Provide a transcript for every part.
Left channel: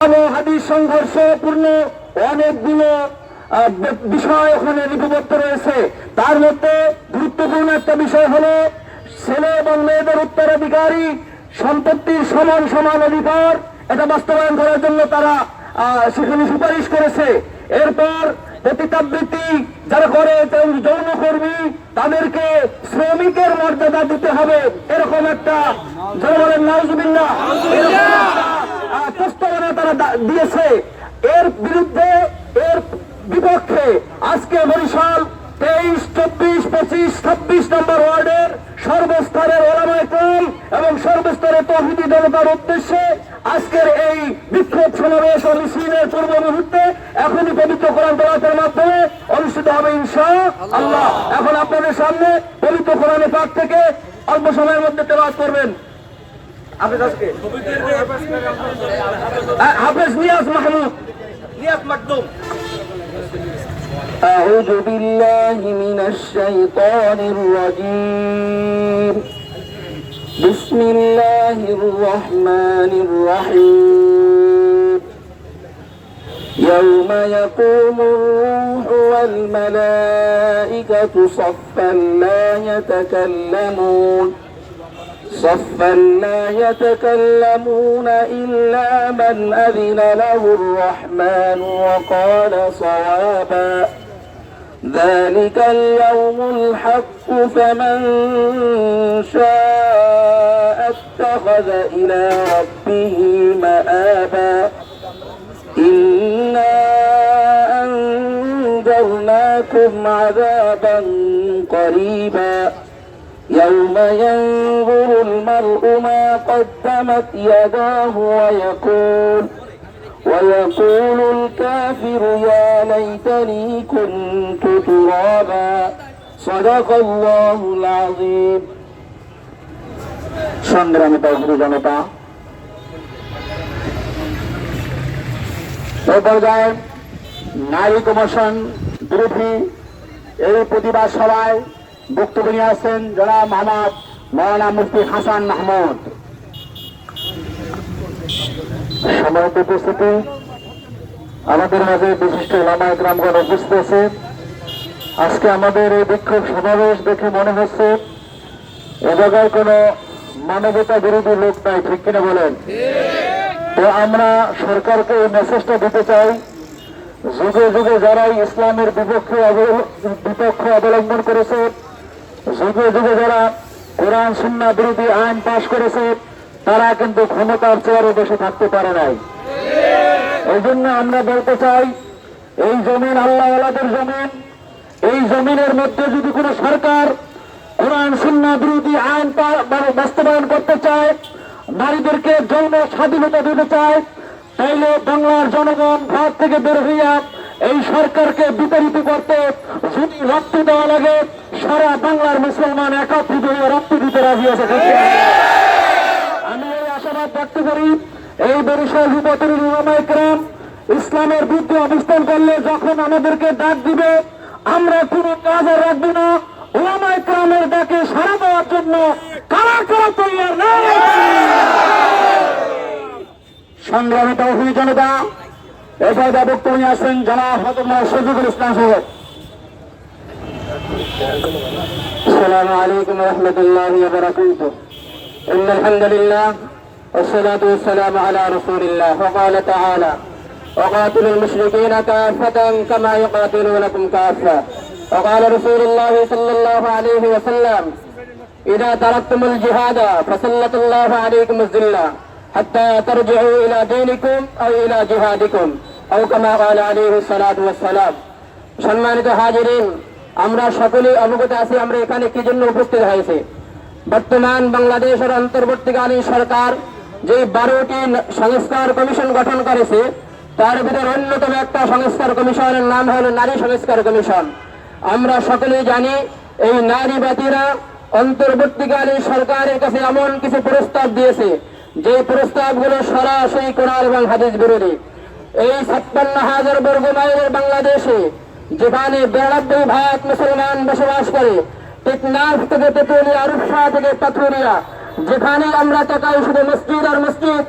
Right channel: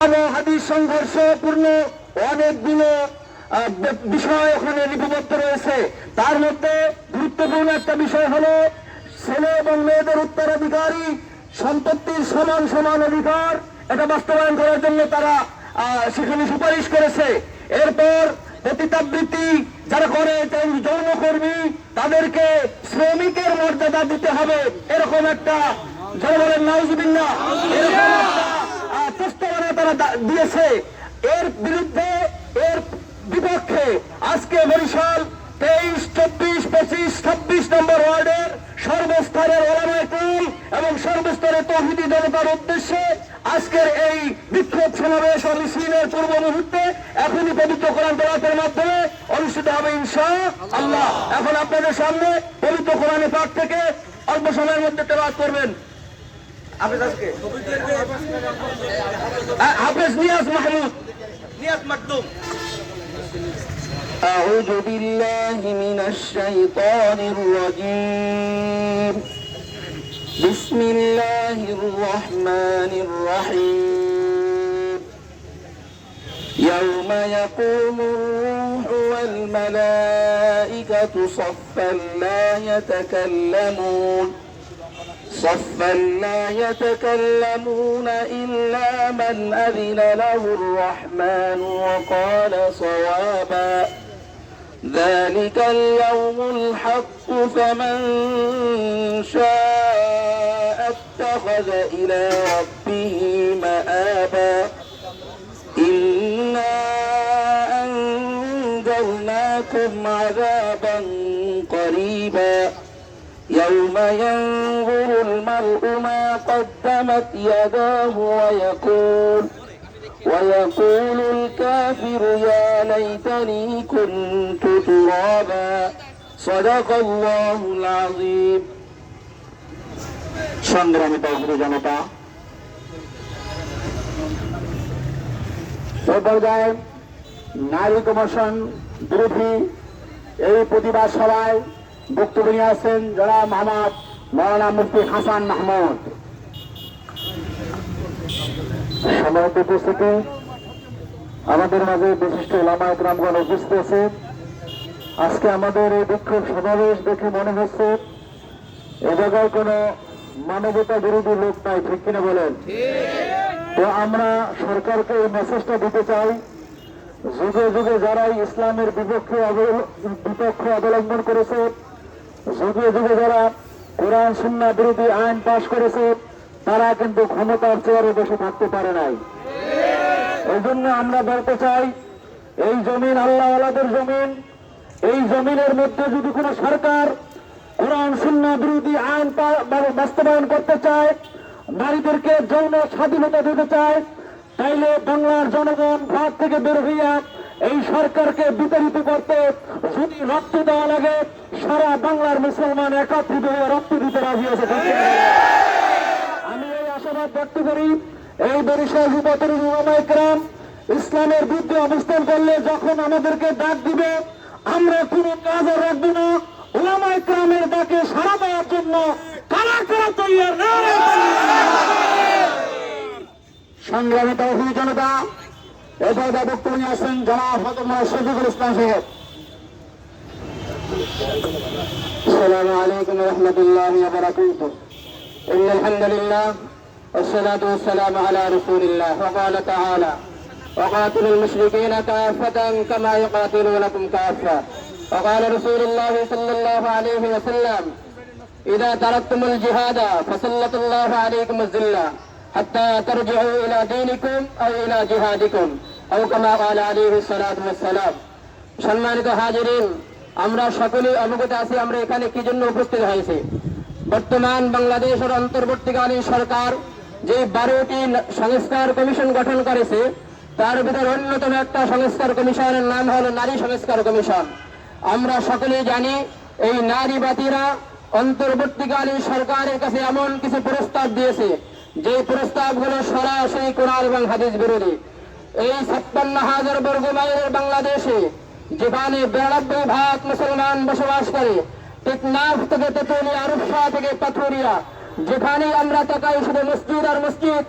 হাদিস সংঘর্ষপূর্ণ অনেকগুলো বিষয় ওখানে লিপিবদ্ধ রয়েছে। তার মধ্যে গুরুত্বপূর্ণ একটা বিষয় হলো ছেলে এবং মেয়েদের উত্তরাধিকারী সম্পত্তির সমান সমান অধিকার, এটা বাস্তবায়ন করার জন্য তারা সেখানে সুপারিশ করেছে। এরপর পতিতাবৃত্তি যারা করে যৌনকর্মী তাদেরকে শ্রমিকের মর্যাদা দিতে হবে, এরকম একটা যারা বলেন নাউজুবিল্লাহ প্রস্তাবনা তারা দিয়েছে। এর বিরুদ্ধে এর বিপক্ষে আজকে বরিশাল 23, 24, 25, 26 নম্বর ওয়ার্ডের সর্বস্তরের ওলামায়ে কেরাম এবং সর্বস্তরের তৌহিদি জনতার উদ্দেশ্যে আজকের এই বিক্ষোভ সমাবেশ ও মিছিলের পূর্ব মুহূর্তে এখনই পবিত্র কোরআন তেলাওয়াতের মাধ্যমে অনুষ্ঠিত হবে ইনশাআল্লাহ। এখন আপনাদের সামনে পবিত্র কোরআনে পাক থেকে অল্প সময়ের মধ্যে তেলাওয়াত করবেন হাফেজ নিয়াজ মাহমুদ মাকদুম। أعوذ بالله من الشيطان الرجيم. بسم الله الرحمن الرحيم. يوم يقوم الروح والملائكة صفا لا يتكلمون إلا من أذن له الرحمن وقال صوابا. ذلك اليوم الحق فمن شاء اتخذ إلى ربه مآبا. إنا أنذرناكم عذابا قريبا يوم ينظر المرء ما قدمت يداه ويقول الكافر يا ليتني كنت ترابا. صدق الله العظيم. সংগ্রামী তৌহিদি জনতা, এই পর্যায়ে নারী কমিশন বিরোধী এই প্রতিবাদ সভায় বক্তব্য নিয়ে আসছেন জনাব মোহাম্মদ মৌলানা মুফতি হাসান মাহমুদ। সম্মানিত উপস্থিতি, আমাদের মাঝে বিশিষ্ট ওলামায়ে কেরামগণ উপস্থিত আছে। আজকে আমাদের এই বিক্ষোভ সমাবেশ দেখে মনে হচ্ছে এ জায়গায় কোনো মানবতা বিরোধী লোক নাই, ঠিক কিনা বলেন? তো আমরা সরকারকে এই মেসেজটা দিতে চাই, যুগে যুগে যারা ইসলামের বিপক্ষ অবলম্বন করেছে, যুগে যুগে যারা কোরআন সুন্নাহ বিরোধী আইন পাশ করেছে, তারা কিন্তু ক্ষমতার চেয়ারে বসে থাকতে পারে নাই। এই জন্য আমরা বলতে চাই, এই জমিন আল্লাহওয়ালাদের জমিন। এই জমিনের মধ্যে যদি কোনো সরকার কোরআন সুন্নাহ বিরোধী আইন বাস্তবায়ন করতে চায়, নারীদেরকে যৌন স্বাধীনতা দিতে চায়, তাইলে বাংলার জনগণ ঘর থেকে বের হইয়া এই সরকারকে বিতাড়িত করতে যদি রক্ত দেওয়া লাগে, সারা বাংলার মুসলমান একত্রিত হয়ে রক্ত দিতে রাজি আছে। আমি এই আশাবাদ ব্যক্ত করি, এই বরিশাল যুবতরুণ ওলামায়ে কেরাম ইসলামের বিরুদ্ধে অবস্থান করলে যখন আমাদেরকে ডাক দিবে, আমরা কোনো কাজ আর রাখবো না। ওলামায়ে কেরামের ডাকে সাড়া দেওয়ার জন্য কারা কারা তৈরি নেই। সংগ্রামী তৌহিদি জনতা, এবার বক্তব্য নিয়ে আসছেন জনাব হযরত শফিকুল ইসলাম সাহেব। আসসালামু আলাইকুম ওয়া রাহমাতুল্লাহি ওয়া বারাকাতুহু। ইন্নাল হামদুলিল্লাহ والصلاة والسلام على رسول الله. وقال تعالى وقاتلوا المشركين كافة كما يقاتلونكم كافة. وقال رسول الله صلى الله عليه وسلم إذا تركتم الجهاد فسلط الله عليكم الذلة حتى ترجعوا إلى دينكم أو إلى جهادكم أو كما قال عليه الصلاة والسلام. সম্মানিত হাজিরিন, আমরা সকলেই অবগত আছি আমরা এখানে কি জন্য উপস্থিত হয়েছি। বর্তমান বাংলাদেশের অন্তর্বর্তীকালীন সরকার যে 12টি সংস্কার কমিশন গঠন করেছে, তার ভিতর অন্যতম একটা সংস্কার কমিশনের নাম হল নারী সংস্কার কমিশন। আমরা সকলেই জানি এই নারীবাদীরা অন্তর্বর্তীকালীন সরকারের কাছে এমন কিছু প্রস্তাব দিয়েছে যে প্রস্তাবগুলো সরাসরি কোরআন এবং হাদিস বিরোধী। এই 56,000 বর্গ মাইলের বাংলাদেশে যেখানে 92% মুসলমান বসবাস করে, টেকনাফ থেকে তেতুলিয়া, রূপসা থেকে পাথুরিয়া, যেখানে আমরা তাকাই শুধু মসজিদ আর মসজিদ,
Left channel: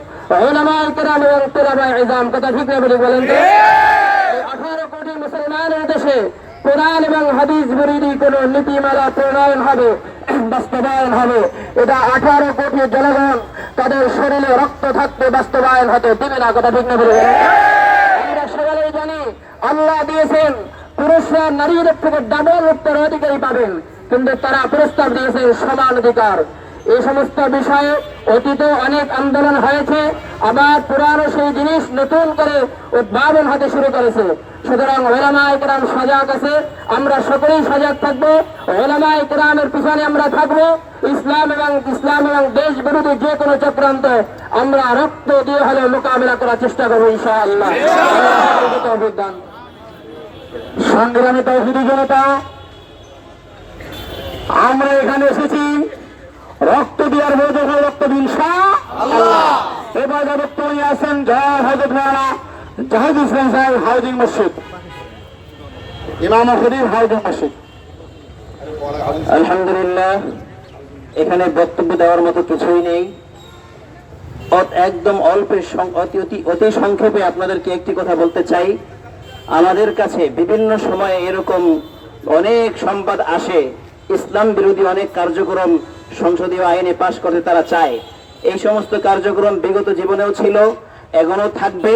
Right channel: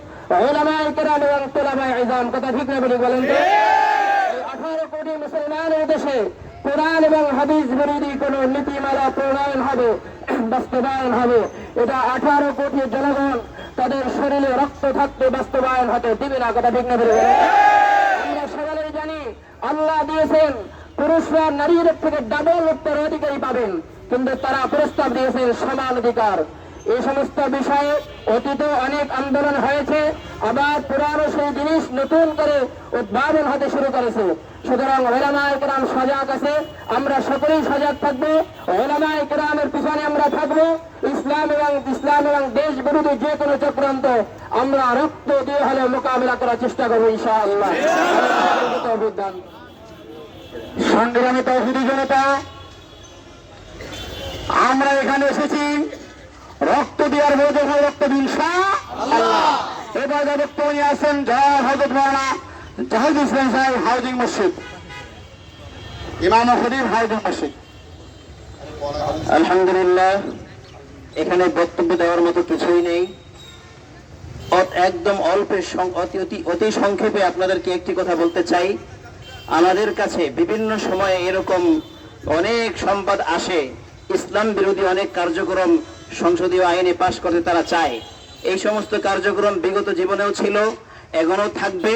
উলামায়ে কেরাম এবং তুলাবায়ে ইলম, কথা ঠিক না বলি বলেন তো? 18 কোটি মুসলমানের দেশে কোরআন এবং হাদিস বিরোধী কোন নীতিমালা প্রণয়ন হবে, বাস্তবায়ন হবে, এটা 18 কোটি জনগণ তাদের শরীরে রক্ত থাকতে বাস্তবায়ন হতে দেবে না, কথা ঠিক না বলি বলেন? আমরা সকলেই জানি আল্লাহ দিয়েছেন পুরুষরা নারীদের থেকে ডাবল উত্তরাধিকারী পাবেন, কিন্তু তারা প্রস্তাব দিয়েছেন সমান অধিকার। এই সমস্ত বিষয়ে অতীতে অনেক আন্দোলন হয়েছে, আবার পুরানো সেই জিনিস নতুন করে উদ্ভাবন হতে শুরু করেছে। সুতরাং উলামায়ে কেরাম সজাগ আছে, আমরা সকলেই সজাগ থাকবো। উলামায়ে কেরামের পিছনে আমরা থাকবো। ইসলাম এবং দেশ বিরোধী যে কোনো চক্রান্ত আমরা রক্ত দিয়ে হলে মোকাবিলা করার চেষ্টা করবো ইনশাআল্লাহ। সংগ্রামী তৌহিদি জনতা, আমরা এখানে এসেছি রক্ত দেওয়ার বড় যখন রক্ত দিন ইনশাআল্লাহ। এবার বক্তব্য নিয়ে আসেন জনাব হযরত মাওলানা জাহিদ ইসলাম সাহেব, হাউজিং মসজিদ, ইমাম ও খতিব, হাউজিং মসজিদ। আলহামদুলিল্লাহ, এখানে বক্তব্য দেওয়ার মতো কিছুই নেই। একদম অতি সংক্ষেপে আপনাদেরকে একটি কথা বলতে চাই। আমাদের কাছে বিভিন্ন সময়ে এরকম অনেক সংবাদ আসে, ইসলাম বিরোধী অনেক কার্যক্রম সংসদীয় আইনে পাশ করতে তারা চায়। এই সমস্ত কার্যক্রম বিগত জীবনেও ছিল, এখনো থাকবে,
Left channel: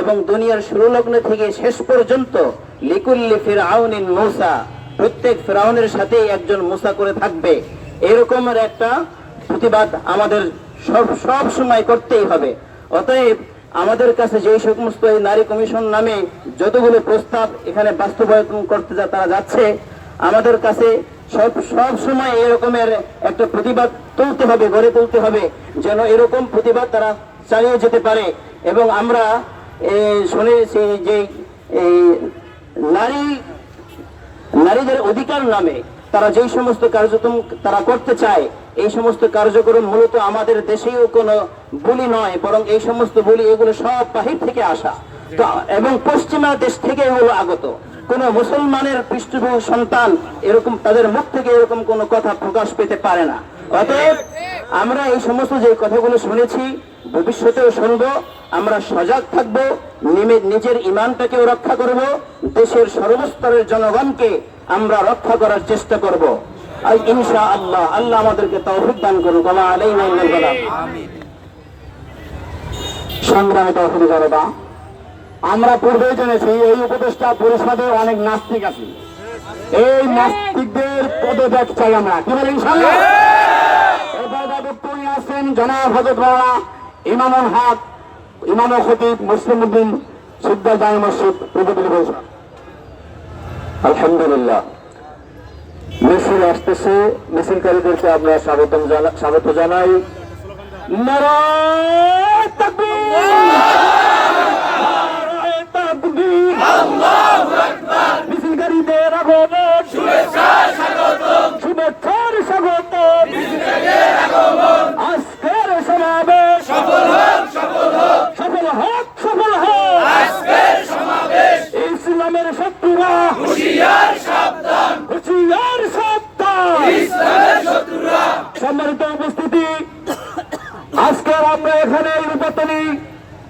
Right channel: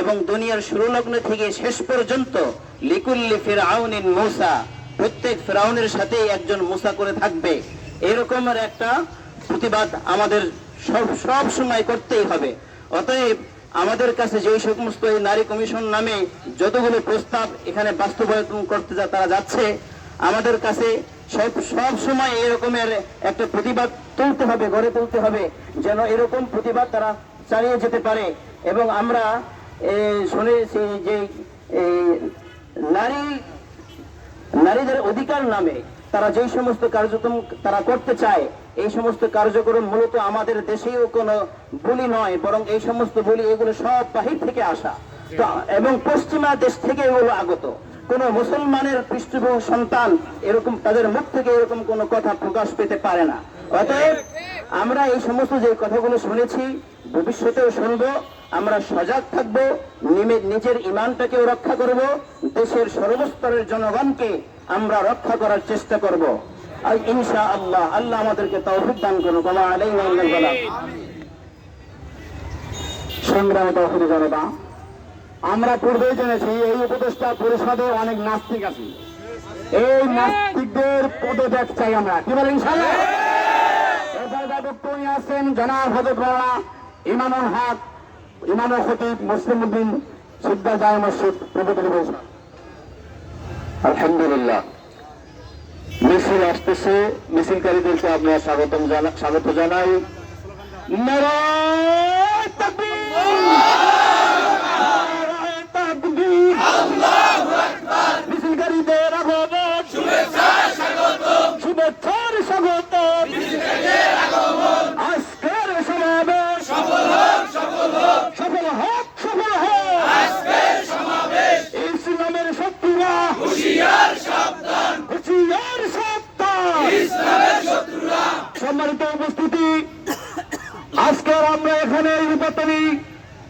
এবং দুনিয়ার শুরু লগ্ন থেকে শেষ পর্যন্ত লিকুল্লি ফিরআউনিন মূসা, প্রত্যেক ফিরআউনের সাথেই একজন মূসা করে থাকবে। এরকমের একটা প্রতিবাদ আমাদের সব সময় করতেই হবে। অতএব আমাদের কাছে যে সমস্ত নারী কমিশন নামে যতগুলো প্রস্তাব এখানে বাস্তবায়ন করতে তারা যাচ্ছে, আমাদের কাছে সব সময় এরকমের একটা প্রতিবাদ তুলতে হবে, গড়ে তুলতে হবে, যেন এরকম প্রতিবাদ তারা চালিয়ে যেতে পারে। এবং আমরা শুনেছি যে নারীদের অধিকার নামে তারা যেই সমস্ত কার্যক্রম তারা করতে চায়, এই সমস্ত কার্যক্রম মূলত আমাদের দেশেও কোনো বলি নয়, বরং এই সমস্ত বলি এগুলো সব বাহির থেকে আসা এবং পশ্চিমা দেশ থেকে এগুলো আগত। কোন মুসলমানের পৃষ্ঠপোষক সন্তান এরকম তাদের মুখ থেকে এরকম কোনো কথা প্রকাশ পেতে পারে না। অতএব আমরা এই সমস্ত যে কথাগুলো শুনেছি, ভবিষ্যতেও শুনবো, আমরা সজাগ থাকবো, নিজের ইমানটাকেও রক্ষা করব, দেশের সর্বস্তরের জনগণকে আমরা রক্ষা করার চেষ্টা করব। আর ইনশাআল্লাহ আল্লাহ আমাদেরকে তৌফিক দান করুন। আলাইনা ওয়াল বালাগ। সংগ্রামী তৌহিদি জনতা, আমরা পূর্বেই জেনেছি এই উপদেষ্টা পরিষদে অনেক নাস্তিক আছে। এই নাস্তিকদের পদত্যাগ চাই আমরা, কি বলেন ইনশাআল্লাহ? এবার বক্তব্য নিয়ে আসছেন জনাব হযরত মাওলানা ইমামুল হক, ইমাম ও খতিব, মুসলিম উদ্দিন সিদ্ধার জামে মসজিদ, প্রতিনিধি পরিষদ। আলহামদুলিল্লাহ, মিছিল আসতেছে, মিছিলকারীদেরকে আমরা স্বাগত জানাই। নারায়ে তাকবীর, নারায়ে তাকবীর, আল্লাহু আকবার। মিছিলকারীদের আগমন, শুভেচ্ছার স্বাগতম, শুভেচ্ছার স্বাগতম, মিছিলকারীদের আগমন। আজকের সমাবেশ সফল হোক, সফল হোক, সফল হোক, সফল হোক। আজকের সমাবেশ ইসলামের শত্রুরা হুঁশিয়ার সাবধান, হুঁশিয়ার সাবধান, ইসলামের শত্রুরা। সম্মানিত উপস্থিতি, আজকের আমরা এখানে নির্বাচনী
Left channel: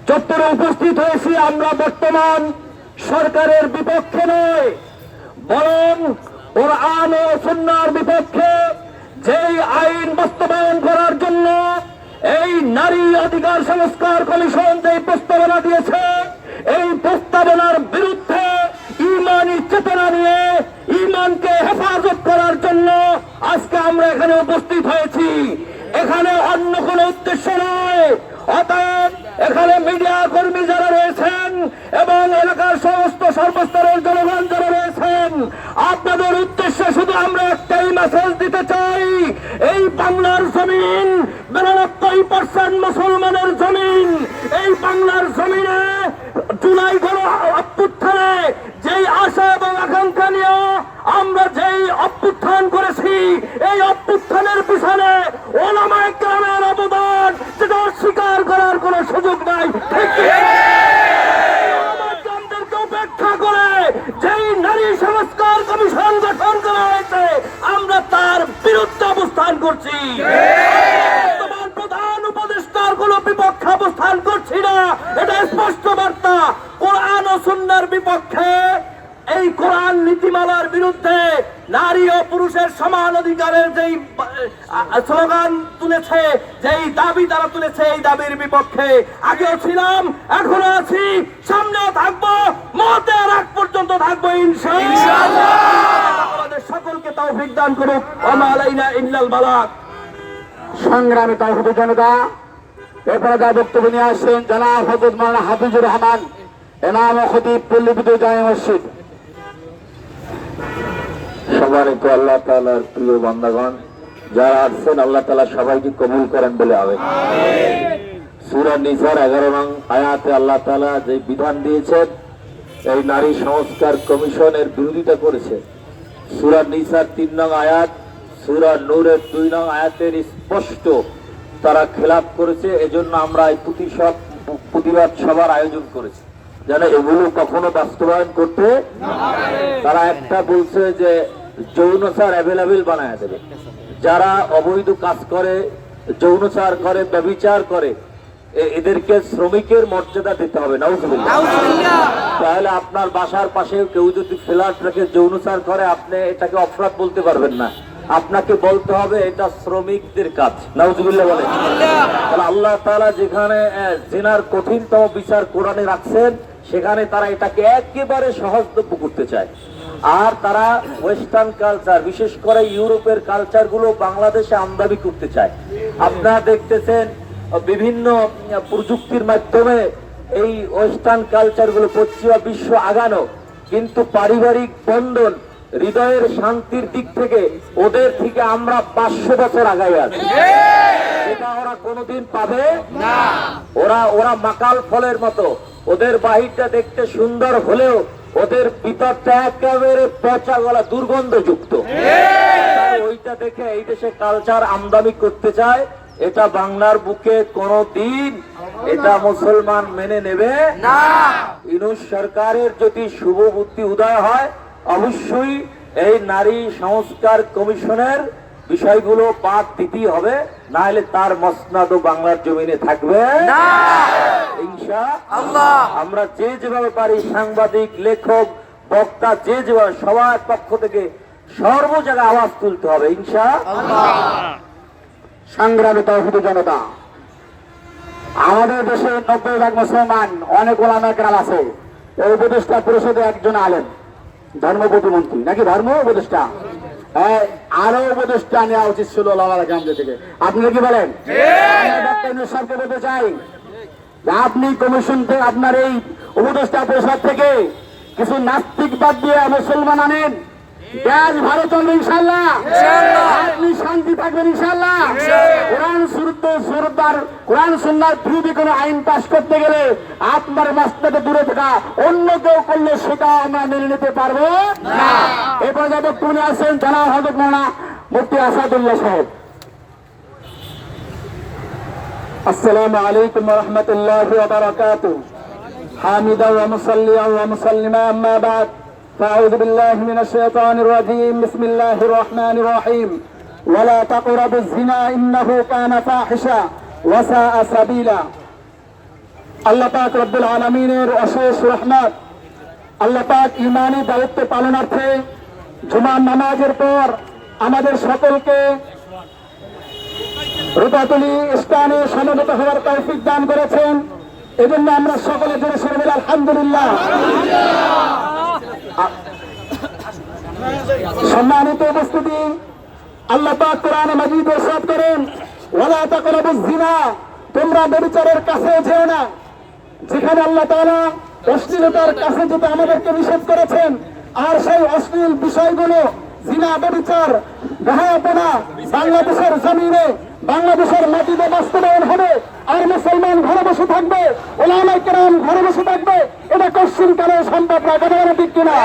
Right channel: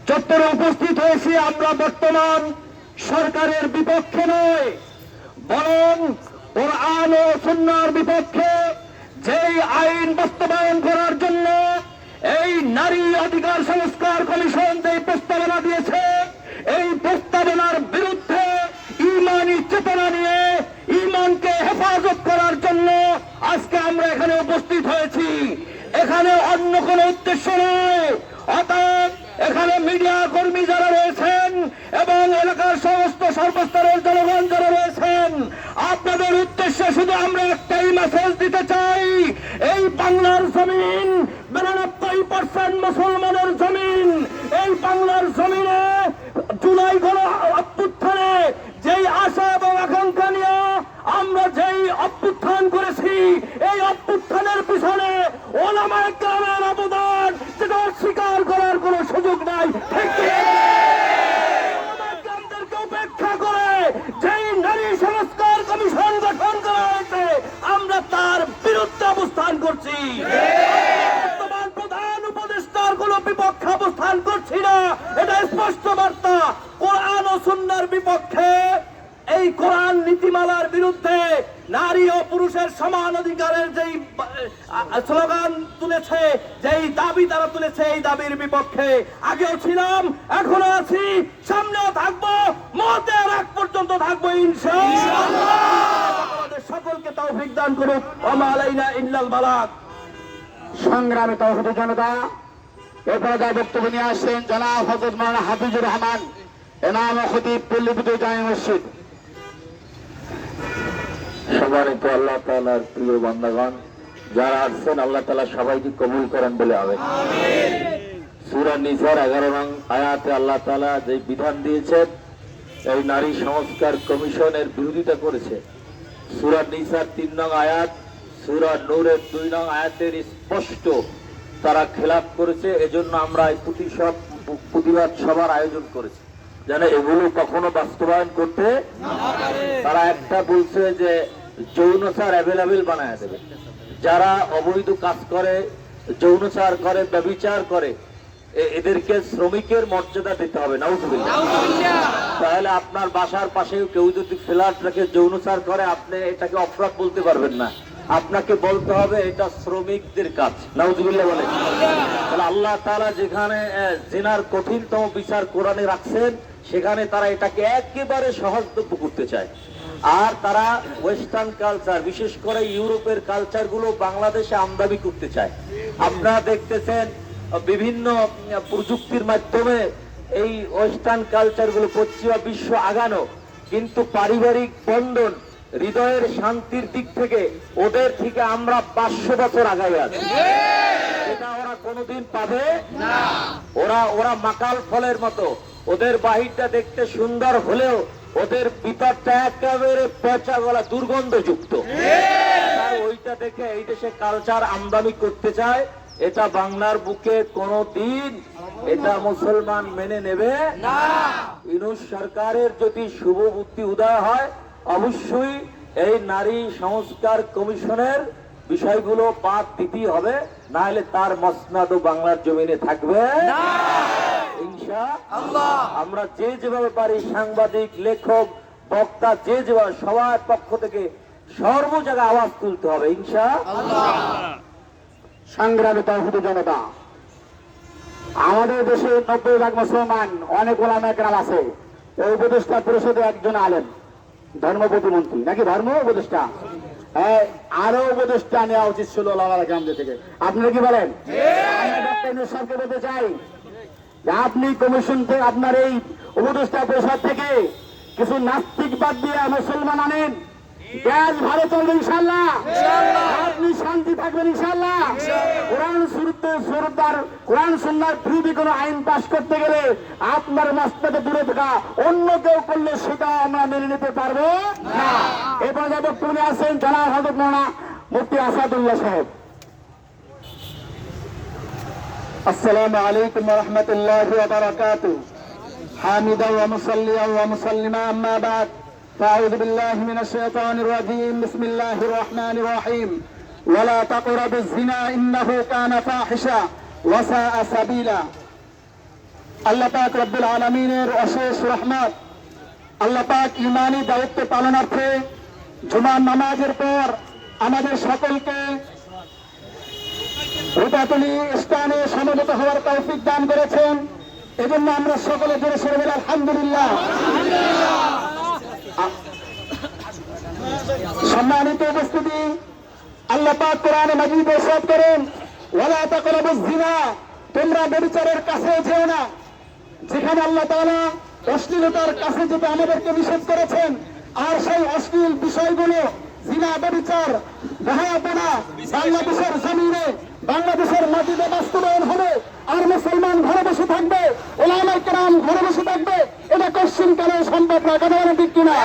চত্বরে উপস্থিত হয়েছি। আমরা বর্তমান সরকারের বিপক্ষে নয়, বরং কোরআন ও সুন্নাহর বিপক্ষে। যেই আইন বাস্তবায়ন করার জন্য এই নারী অধিকার সংস্কার কমিশন যে প্রস্তাবনা দিয়েছে, এই প্রস্তাবনার বিরুদ্ধে ঈমানী চেতনা নিয়ে ঈমানকে হেফাজত করার জন্য আজকে আমরা এখানে উপস্থিত হয়েছি। এখানে অন্য কোনো উদ্দেশ্য নয়। অতএব এখানে মিডিয়া কর্মী যারা রয়েছেন এবং এলাকার সমস্ত সর্বস্তরের জনগণ যারা রয়েছেন, আপনাদের উদ্দেশ্যে শুধু আমরা একটাই মেসেজ দিতে চাই, এই বাংলার জমিন 92% মুসলমানের জমিন। এই বাংলার জমিনে জুলাই গণ অভ্যুত্থানে যেই আশা এবং আকাঙ্ক্ষা নিয়ে আমরা যেই অভ্যুত্থান করেছি, এই অভ্যুত্থানের পিছনে ওলামায়ে কেরামের অবদান যেটা অস্বীকার করার কোন সুযোগ নাই। ঠিক ওলামায়ে উপেক্ষা করে যেই নারী সংস্কার কমিশন গঠন করা হয়েছে, আমরা তার বিরুদ্ধে অবস্থান করছি। বর্তমান প্রধান উপদেষ্টার কোন বিপক্ষে অবস্থান করছি না। এটা স্পষ্ট বার্তা কোরআন ও সুন্নাহর বিপক্ষে, এই কোরআন নীতিমালার বিরুদ্ধে, নারী ও পুরুষের সমান অধিকারের যেই স্লোগান তুলেছে, যেই দাবি তারা তুলেছে, এই দাবির বিপক্ষে আগেও ছিলাম, এখনো আছি, সামনেও থাকবো, মতের আগ পর্যন্ত থাকবো ইনশাআল্লাহ। আমাদের সকলকে তৌফিক দান করুক। ওয়া মা আলাইনা ইল্লাল বালাগ। সংগ্রামী তৌহিদি জনতা, এরপরে যা বক্তব্য নিয়ে আসছেন জনাব হযরত মাওলানা হাফিজুর রহমান, ইমাম ও খতিব পল্লীবিদ্যুৎ জামে মসজিদ। সম্মানিত আল্লাহ তাআলার প্রিয় বান্দাগণ, যারা আসছেন আল্লাহ তাআলা সবাইকে কবুল করেন বলে আমিন। সূরা নিসার 11 নং আয়াতে আল্লাহ তাআলা যে বিধান দিয়েছেন, এই নারী সংস্কার কমিশনের বিরোধিতা করেছে। সূরা নিসার 3 নং আয়াত, সূরা নূরের 2 নং আয়াতের স্পষ্ট তারা খেলাপ করেছে। এজন্য আমরা এই প্রতিবাদ সভার আয়োজন করেছি, যেন এগুলো কখনো বাস্তবায়ন করতে তারা একটা বলছে যে যৌনচার অ্যাভেলেবেল বানায় দেবে। যারা অবৈধ কাজ করে, যৌনচার করে, ব্যভিচার করে, এদেরকে শ্রমিকের মর্যাদা দিতে হবে। নাউজুবিল্লাহ। তাহলে আপনার বাসার পাশে কেউ যদি ফ্ল্যাট রেখে যৌনচার করে, আপনি এটাকে অপরাধ বলতে পারবেন না, আপনাকে বলতে হবে এটা শ্রমিকদের কাজ। নাউজুবিল্লাহ বলে। তাহলে আল্লাহ তাআলা যেখানে জিনার কঠিনতম বিচার কোরআনে রাখছেন, সেখানে তারা এটাকে একেবারে সহজলভ্য করতে চায়। আর তারা ওয়েস্টার্ন কালচার, বিশেষ করে ইউরোপের কালচার গুলো বাংলাদেশে আমদানি করতে চায়। আপনারা দেখতেছেন বিভিন্ন প্রযুক্তির মাধ্যমে এই ওয়েস্টার্ন কালচার গুলো পশ্চিমা বিশ্ব আগানো, কিন্তু পারিবারিক বন্ধন, হৃদয়ের শান্তির দিক থেকে ওদের থেকে আমরা 500 বছর আগাই আছি। এটা ওরা কোনোদিন পাবে না। ওরা মাকাল ফলের মতো, ওদের বাহিরটা দেখতে সুন্দর হলেও ওদের ভিতরটা একেবারে পচা গলা দুর্গন্ধযুক্ত। ওইটা দেখে এই দেশে কালচার আমদানি করতে চায়। এটা বাংলার বুকে কোনদিন এটা মুসলমান মেনে নেবে না। ইউনূস সরকারের যদি শুভ বুদ্ধি উদয় হয়, অবশ্যই এই নারী সংস্কার কমিশনের বিষয়গুলো বাদ দিতেই হবে, না হলে তার মসনাদও বাংলার জমিনে থাকবে না ইনশাআল্লাহ। আমরা যে যেভাবে পারি, সাংবাদিক, লেখক, বক্তা, যে যেভাবে, সবার পক্ষ থেকে সর্ব জায়গায় আওয়াজ তুলতে হবে ইনশাআল্লাহ। সংগ্রামী তৌহিদি জনতা, আমাদের দেশে 90% মুসলমান, অনেক ওলামা কেরাম আছে। এই উপদেষ্টা পরিষদে একজন আলেম, ধর্ম প্রতিমন্ত্রী নাকি ধর্ম উপদেষ্টা, আরো উপদেষ্টা নেওয়া উচিত ছিল ওলামারা কেরামদের থেকে। আপনি কি বলেন? সরকারকে বলতে চাই যে আপনি কমিশন থেকে, আপনার এই উপদেষ্টা পরিষদ থেকে কিছু নাস্তিক বাদ দিয়ে মুসলমান আনেন, দেশ ভালো চলবে ইনশাআল্লাহ, আপনি শান্তি থাকবেন ইনশাআল্লাহ। কোরআন সুন্নাহর বিরোধী কোনো আইন পাশ করতে গেলে আপনার মাসলাকে দূরে থাকা, অন্য কেউ করলে সেটা আমরা মেনে নিতে পারবো না। এরপরে যে বক্তব্য আছেন জনাব হযরত মাওলানা মুফতি আসাদুল্লাহ সাহেব। আসসালামু আলাইকুম ওয়া রাহমাতুল্লাহি ওয়া বারাকাতুহু। হামিদান ওয়া মুসাল্লিয়ান ওয়া মুসাল্লিমা, আম্মা বা'দ। فأعوذ بالله من الشيطان الرجيم. بسم الله الرحمن الرحيم. ولا تقربوا الزنا إنه كان فاحشا وساء سبيلا. আল্লাহ পাক রব্বুল আলামিনের অশেষ রহমত, আল্লাহ পাক ঈমানি দায়িত্ব পালনার্থে জুমার নামাজের পর আমাদের সকলকে রূপাতুলি স্থানে সমবেত হওয়ার তৌফিক দান করেছেন। এজন্য আমরা সকলে জোরে সোরে বলি আলহামদুলিল্লাহ। সম্মানিত উপস্থিতি, আল্লাহ পাক কোরআনে মাজিদে ইরশাদ করেন, ওয়ালা তাকরাবুজ জিনা, তোমরা ব্যভিচারের কাছে যেও না। যেখানে আল্লাহ তাআলা অশ্লীলতার কাছে যেতে আমাদেরকে নিষেধ করেছেন, আর সেই অশ্লীল বিষয়গুলো, জিনা, ব্যভিচার, বেহায়াপনা বাংলাদেশের জমিনে, বাংলাদেশের মাটিতে বাস্তবায়ন হবে। আর মুসলমান ঘরে বসে থাকবে, ওলামায়ে কেরাম ঘরে বসে থাকবে, এটা কোশ্চিন কালে সম্ভব না। কথা বলেন ঠিক কিনা?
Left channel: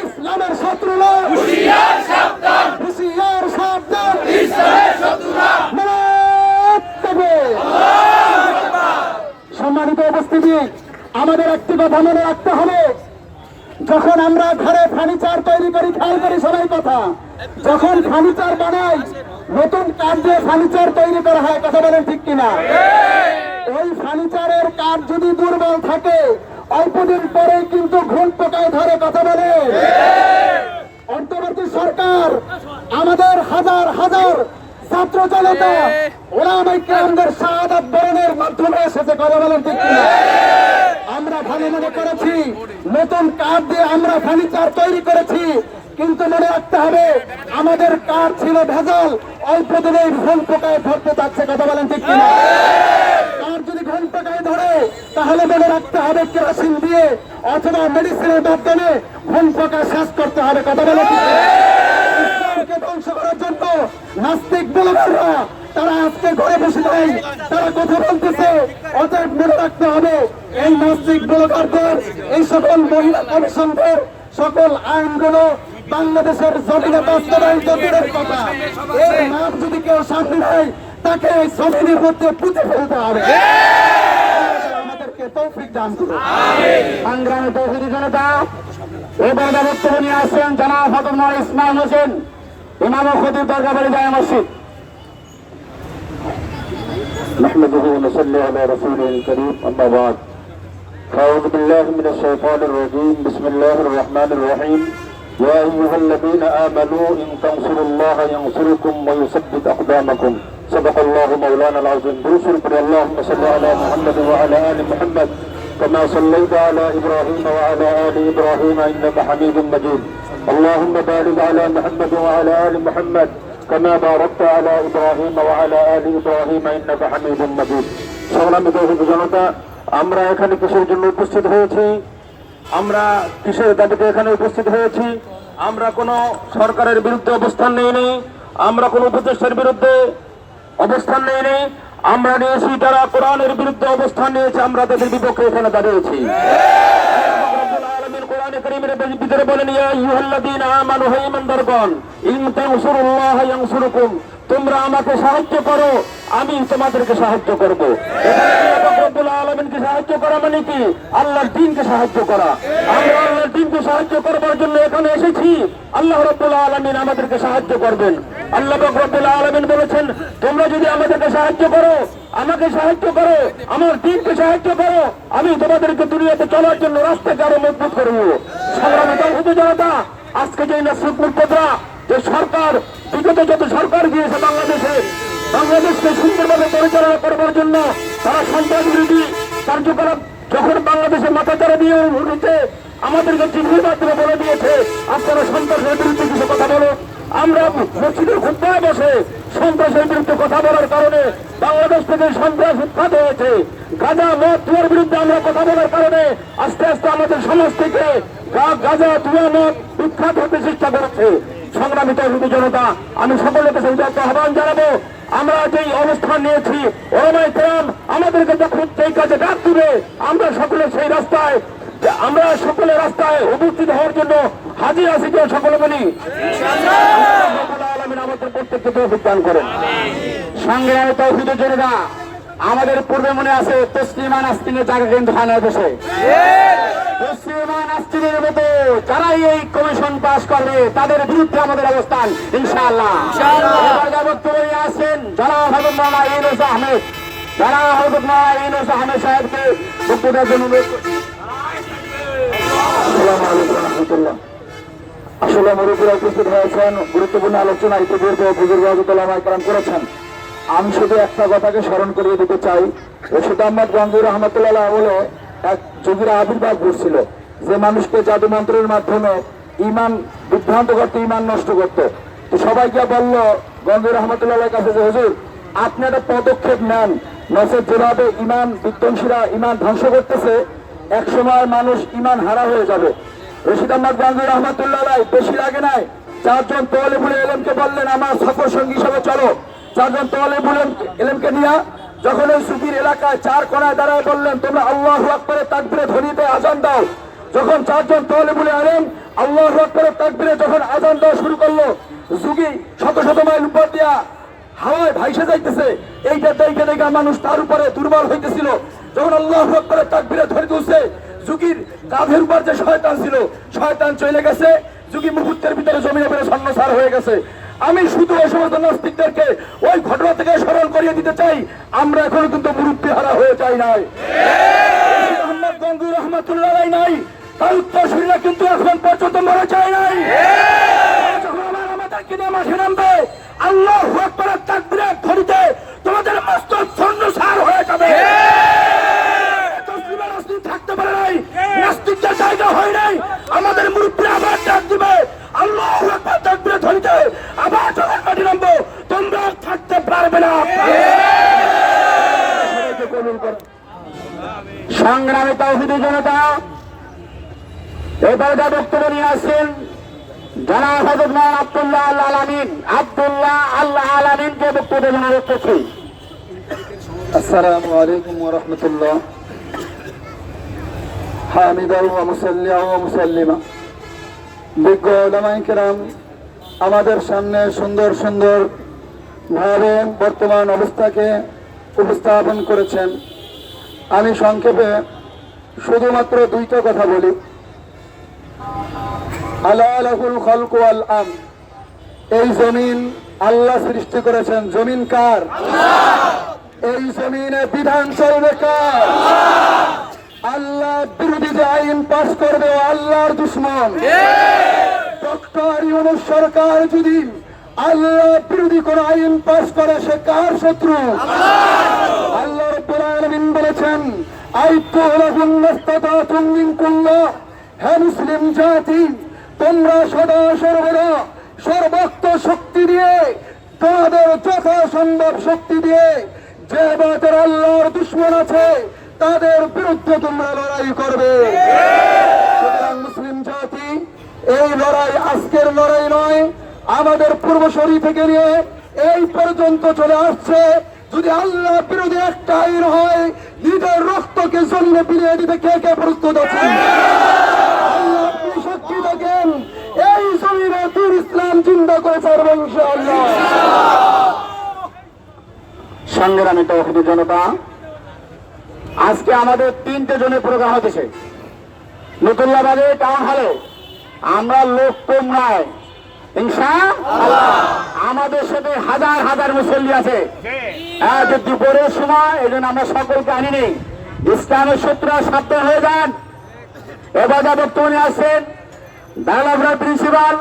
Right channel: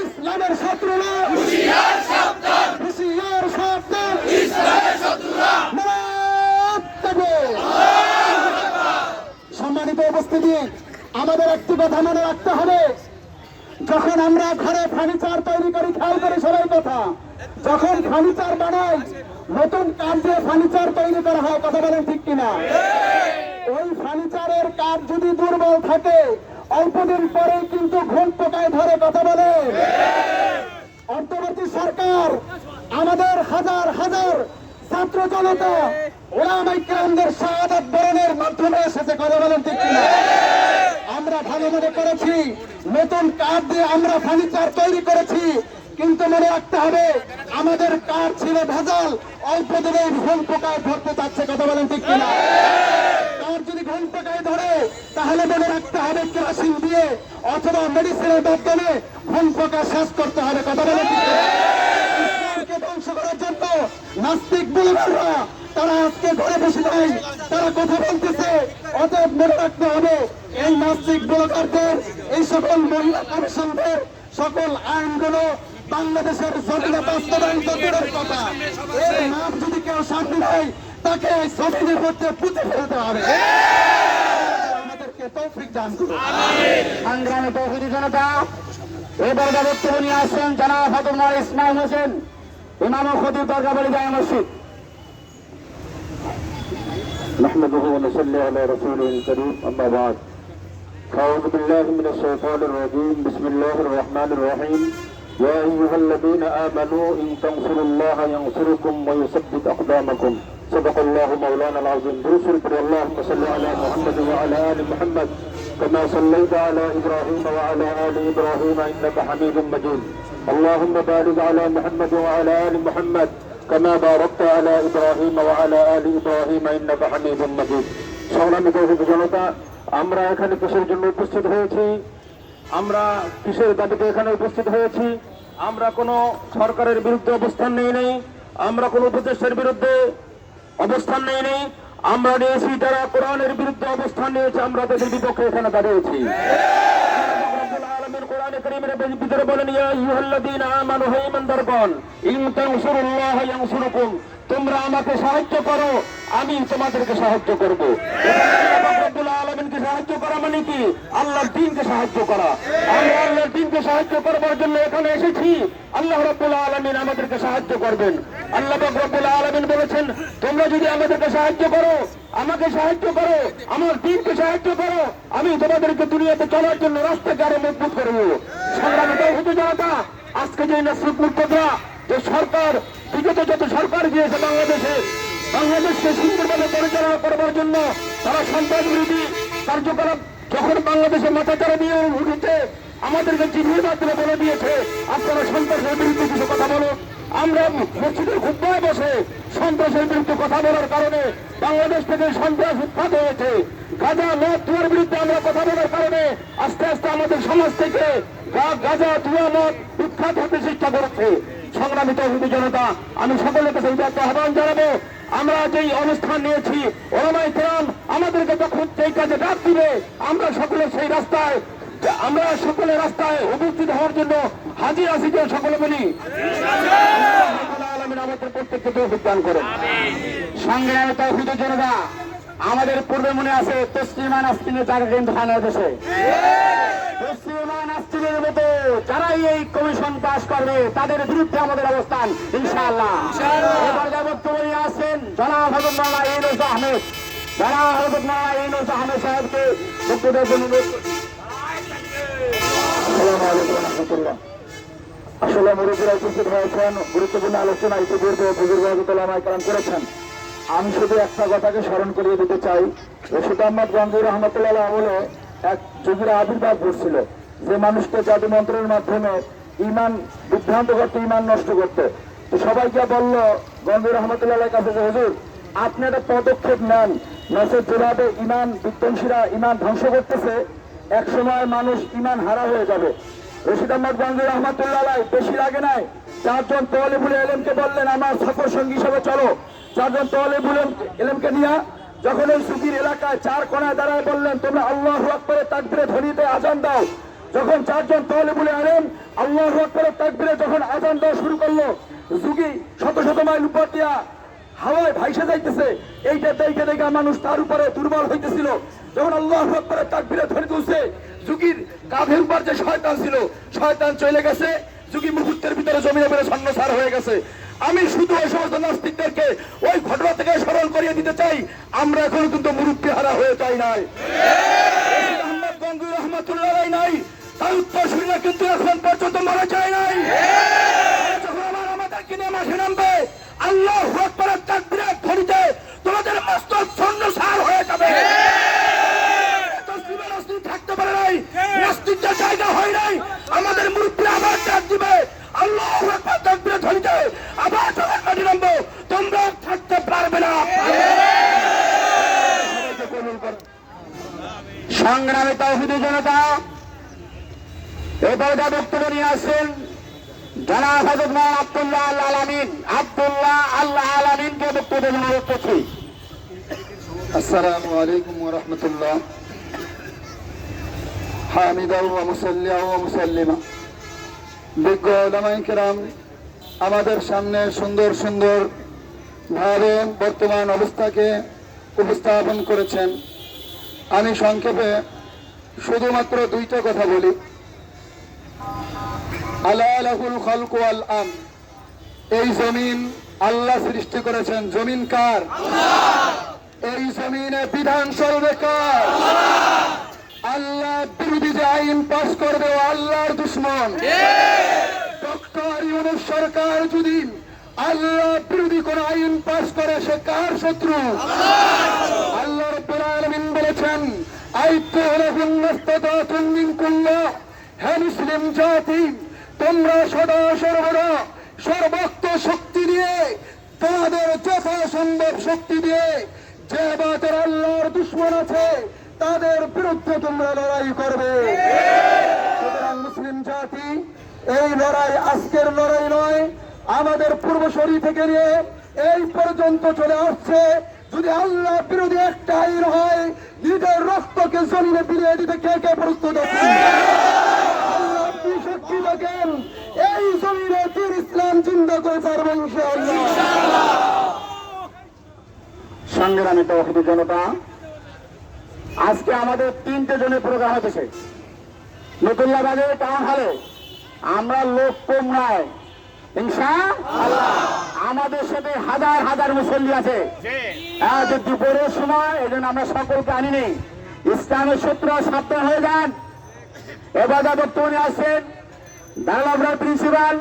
ইসলামের শত্রুরা হুঁশিয়ার সাবধান, হুঁশিয়ার সাবধান, ইসলামের শত্রুরা। সম্মানিত উপস্থিতি, আমাদের একটি কথা মনে রাখতে হবে, যখন আমরা ঘরে ফার্নিচার তৈরি করি, খেয়াল করি সবাই কথা, যখন ফার্নিচার বানাই নতুন কাঠ দিয়ে ফার্নিচার তৈরি করা হয়, কথা বলেন ঠিক কিনা? ওই ফার্নিচারের কাঠ যদি দুর্বল থাকে অল্পদিন পরে কিন্তু ঘুণ পোকায় ধরে, কথা বলে। অন্তর্বর্তী সরকার আমাদের হাজার হাজার ছাত্র জনতা ওলামায়ে কেরামদের শাহাদাত বরণের মাধ্যমে এসেছে, কথা বলেন ঠিক কিনা? আমরা ভালো মনে করেছি নতুন কাঠ দিয়ে আমরা ফার্নিচার তৈরি করেছি, কিন্তু মনে রাখতে হবে আমাদের কাঠ ছিল ভেজাল, অল্প দিনেই ঘুণ পোকায় ধরতে চাচ্ছে, কথা বলেন ঠিক কিনা? কাঠ যদি ঘুণ পোকায় ধরে তাহলে মনে রাখতে হবে কেরোসিন দিয়ে অথবা মেডিসিনের মাধ্যমে ঘুণ পোকা শেষ করতে হবে, কথা বলেন ঠিক কিনা? ইসলামকে ধ্বংস করার জন্য নাস্তিক ব্লগাররা তারা আজকে ঘরে বসে নাই, তারা কথা বলতেছে। অতএব মনে রাখতে হবে এই নাস্তিক ব্লগারদের, এই সকল মহিলা কমিশনদের সকল আইনগুলো বাংলাদেশের জমিনে বাস্তবায়ন দূরের কথা, এর নাম যদি কেউ সামনে নেয় তাকে এই জমিনের মধ্যে পুঁতে ফেলতে হবে। আমাদেরকে তৌফিক দান করুন। সংগ্রামী তৌহিদি জনতা, এবার বক্তব্য নিয়ে আসছেন জনাব হযরত মাওলানা ইসমাইল হোসেন, ইমাম ও খতিব দরগাবাড়ি জামে মসজিদ। نحمده ونصلي على رسوله الكريم أما بعد أعوذ بالله من الشيطان الرجيم بسم الله الرحمن الرحيم يا أيها الذين آمنوا إن تنصروا الله ينصركم ويثبت أقدامكم صدق الله مولانا العظيم برسول اللهم صل على محمد وعلى آل محمد كما صليت على إبراهيم وعلى آل إبراهيم إنك حميد مجيد اللهم بارك على محمد وعلى آل محمد كما باركت على إبراهيم وعلى آل إبراهيم إنك حميد مجيد। সংগ্রামী তৌহিদি জনতা, আমরা এখানে কিসের জন্য উপস্থিত হয়েছি? আমরা কিসের দাবিতে এখানে উপস্থিত হয়েছি? আমরা কোনো সরকারের বিরুদ্ধে অবস্থান নেই, আমরা কোনো উপদেষ্টার বিরুদ্ধে অবস্থান নেই, আমরা নিয়েছি যারা কোরআনের বিরুদ্ধে অবস্থান নিয়েছে, আমরা তাদের বিপক্ষে এখানে দাঁড়িয়েছি। কোরআনে কারীমের ভিতরে বলেন ইয়া আইয়ুহাল্লাযীনা আমানু, হে ঈমানদারগণ, ইন তানসুরুল্লাহ ইয়ানসুরকুম, তোমরা আমাকে সাহায্য করো আমি তোমাদেরকে সাহায্য করব। রব্বুল আলামিনকে সাহায্য করা মানে কি? আল্লাহর দ্বীনকে সাহায্য করা। আমরা আল্লাহর দ্বীনকে সাহায্য করবার জন্য এখানে এসেছি। আল্লাহ রব্বুল আলামিন আমাদেরকে সাহায্য করবেন। আল্লাহ রব্বুল আলামিন বলেছেন তোমরা যদি আমাদেরকে সাহায্য করো, আমাকে সাহায্য করো, আমার দ্বীনকে সাহায্য করো, আমি তোমাদেরকে দুনিয়াতে চলার জন্য রাস্তাকে আরো মজবুত করব। সংগ্রামী তৌহিদি জনতা, আজকে যে নাসরুল মুর্তজা, যে সরকার, বিগত যত সরকার গিয়েছে বাংলাদেশকে সুন্দরভাবে পরিচালনা করবার জন্য তারা সন্ত্রাস বিরোধী কার্যকলাপ যখন বাংলাদেশের মাথাচাড়া দিয়ে উঠেছে, আমাদেরকে চিঠির মাধ্যমে বলে দিয়েছে আপনারা সন্ত্রাসের বিরুদ্ধে কিছু কথা বলো। আমরা মসজিদের খুতবায় বসে সন্ত্রাসের বিরুদ্ধে কথা বলার কারণে বাংলাদেশ থেকে সন্ত্রাস উৎখাত হয়েছে। গাঁজা মদ জুয়ার বিরুদ্ধে আমরা কথা বলার কারণে আস্তে আস্তে আমাদের সমাজ থেকে গাঁজা জুয়া মদ উৎখাত হতে চেষ্টা করেছে। সংগ্রামী তৌহিদি জনতা, আমি সকলের কাছে আহ্বান জানাবো, আমরা যেই অবস্থান নিয়েছি, ওলামায়ে কেরাম আমাদেরকে যখন সেই কাজে ডাক দিবে আমরা সকলে সেই রাস্তায়, আমরা সকলে রাস্তায় উপস্থিত হওয়ার জন্য হাজির আছি। যে সকলে বলি আলামিন আমাদের প্রত্যেককে তৌফিক দান করেন। সংগ্রামী তৌহিদি জনতা, আমাদের পূর্বে মনে আছে তসলিমা নাসরিনের জায়গা কিন্তু থানায় বসে, তসলিমা নাসরিনের মতো যারাই এই কমিশন পাস করবে তাদের বিরুদ্ধে আমাদের অবস্থান ইনশাআল্লাহ। এবার বক্তব্য নিয়ে আসছেন জনাব হযরত মাওলানা ইউনূস আহমেদ, জনাব হযরত মাওলানা ইউনূস আহমেদ সাহেবকে বক্তব্য দেওয়ার জন্য অনুরোধ করছি। আসসালামু আলাইকুম ওয়া রাহমাতুল্লাহ। আসলে মুরব্বীরা উপস্থিত হয়েছেন, গুরুত্বপূর্ণ আলোচনা ইতিপূর্বে বুজুর্গ হযরত ওলামায়ে কেরাম করেছেন। আমি শুধু একটা কথাকে স্মরণ করিয়ে দিতে চাই, রশিদ আহমদ গঙ্গুর রহমতুল্লাহ বলে এক যুগের আবির্ভাব ঘটছিল, যে মানুষকে জাদু মন্ত্রের মাধ্যমে ইমান বিভ্রান্ত করতে, ইমান নষ্ট করতে। তো সবাইকে বললো গঙ্গুর রহমতুল্লাহ কাছে যে হুজুর আপনি একটা পদক্ষেপ নেন, নচেৎ যেভাবে ইমান বিধ্বংসীরা ইমান ধ্বংস করতেছে এক সময় মানুষ ইমান হারা হয়ে যাবে। রশিদ আহমদ গঙ্গুর রহমতুল্লাহ বেশি লাগে নাই, 4 জন তালিবুল ইলমকে বললেন আমার সফর সঙ্গী হিসেবে চলো। 4 জন তালিবুল ইলমকে নিয়ে যখন ওই সুফির এলাকায় 4 কোণায় দাঁড়ায় বললেন তোমরা আল্লাহু আকবারে তাকবীরে ধ্বনিতে আযান দাও। যখন 4 জন তালিবুল ইলম আল্লাহু আকবারে তাকবীরে যখন আযান দেওয়া শুরু করলো, যুগী শত শত মাইল উপর দিয়া হাওয়ায় ভাইসে যাইতেছে, এইটা দেখে দেখে মানুষ তার উপরে দুর্বল হইতেছিল। যখন আল্লাহু আকবারের তাকবীরে ধরে তুলছে, যুগীর কাঁধের উপর যে শয়তান ছিল, শয়তান চলে গেছে, যুগী মুহূর্তের ভিতরে জমিনে বেড়ে সন্ন্যাসার হয়ে গেছে। আমি শুধু ওই সমস্ত নাস্তিকদেরকে ওই ঘটনা থেকে স্মরণ করিয়ে দিতে চাই, আমরা এখনো কিন্তু মুরুব্বি হারা হয়ে যাই নাই। আহমদ গঙ্গুর রহমাতুল্লাহ আলাইহি নাই, তার উত্তরসূরিরা কিন্তু এখন পর্যন্ত মরে যায় নাই। যখন আমাদেরকে নিয়ে মাঠে নামবে, আল্লাহু আকবারের তাকবীরের ধ্বনিতে তোমাদের মস্তক সন্ন্যাসার হয়ে যাবে। তসলিমা নাস্তিক থাকতে পারে নাই, নাস্তিকদের জায়গা হয় নাই। আমাদের মুরুব্বিরা আবার ডাক দিবে, আল্লাহু আকবার তাকবীরের ধ্বনিতে আবার যখন মাঠে নামবো, তোমরাও থাকতে পারবে না। সংগ্রামী তাওহীদি জনতা, এবারে যা বক্তব্য নিয়ে আসছেন জনাব হযরত মাওলানা আব্দুল্লাহ আল্লাহ আলামিনকে বক্তব্য দেওয়ার অনুরোধ করছি। আসসালামু আলাইকুম ওয়া রাহমাতুল্লাহ। হামিদা ওয়া মুসাল্লিয়া ওয়া মুসাল্লিমা। বিজ্ঞ উলামায়ে কেরাম আমাদের সামনে সুন্দর সুন্দর ভাবে বর্তমান অবস্থাকে উপস্থাপন করেছেন। আমি সংক্ষেপে শুধুমাত্র দুইটা কথা বলি। আলা লাহুল খালকু ওয়াল আমর, এই জমিন আল্লাহ সৃষ্টি করেছেন। জমিন কার? এই জমিনে বিধান চলবে কার? আল্লাহ বিরোধী যে আইন পাস করবে ও আল্লাহর দুশমন। ডক্টর ইউনূস সরকার যদি আল্লাহ বিরোধী কোন আইন পাস করে, সে কার শত্রু? আল্লাহ রাব্বুল আলামিন বলেছেন, আইতু লাহুম মাস্তাতাতুম মিন কুল্লাহ। হে মুসলিম জাতি, তোমরা সদা সর্বদা সর্বোচ্চ শক্তি দিয়ে, তাদের যথাসম্ভব শক্তি দিয়ে যে বাতের আল্লাহর দুশমন আছে তাদের বিরুদ্ধে তোমরা লড়াই করবে। সুতরাং মুসলিম জাতি, এই লড়াই আজকের লড়াই নয়, আমাদের পূর্বসূরি থেকে নিয়ে এই পর্যন্ত চলে আসছে। যদি আল্লাহ বিরোধী একটা আইন হয়, নিজের রক্তকে জমিনে বিলিয়ে দিতে কে কে প্রস্তুত আছে? আল্লাহ আপনি সাক্ষী থাকেন, এই জমিনে দীন ইসলাম জিন্দা করে ছাড়বে ইনশাআল্লাহ। সংগ্রামী তাওহীদি জনতা, আজকে আমাদের 3টে জনের প্রোগ্রাম হতেছে নতুল্লাবাদে টাউন হলে। আমরা লোক কম নয় ইনশাআল্লাহ। আমাদের সাথে হাজার হাজার মুসল্লি আছে। যে দুপুরের সময় এই জন্য আমরা সকলকে আনি নেই। ইসলামের শত্রুরা সাবধান হয়ে যান। এবার যা বক্তব্য নিয়ে আসছেন দারুল প্রিন্সিপাল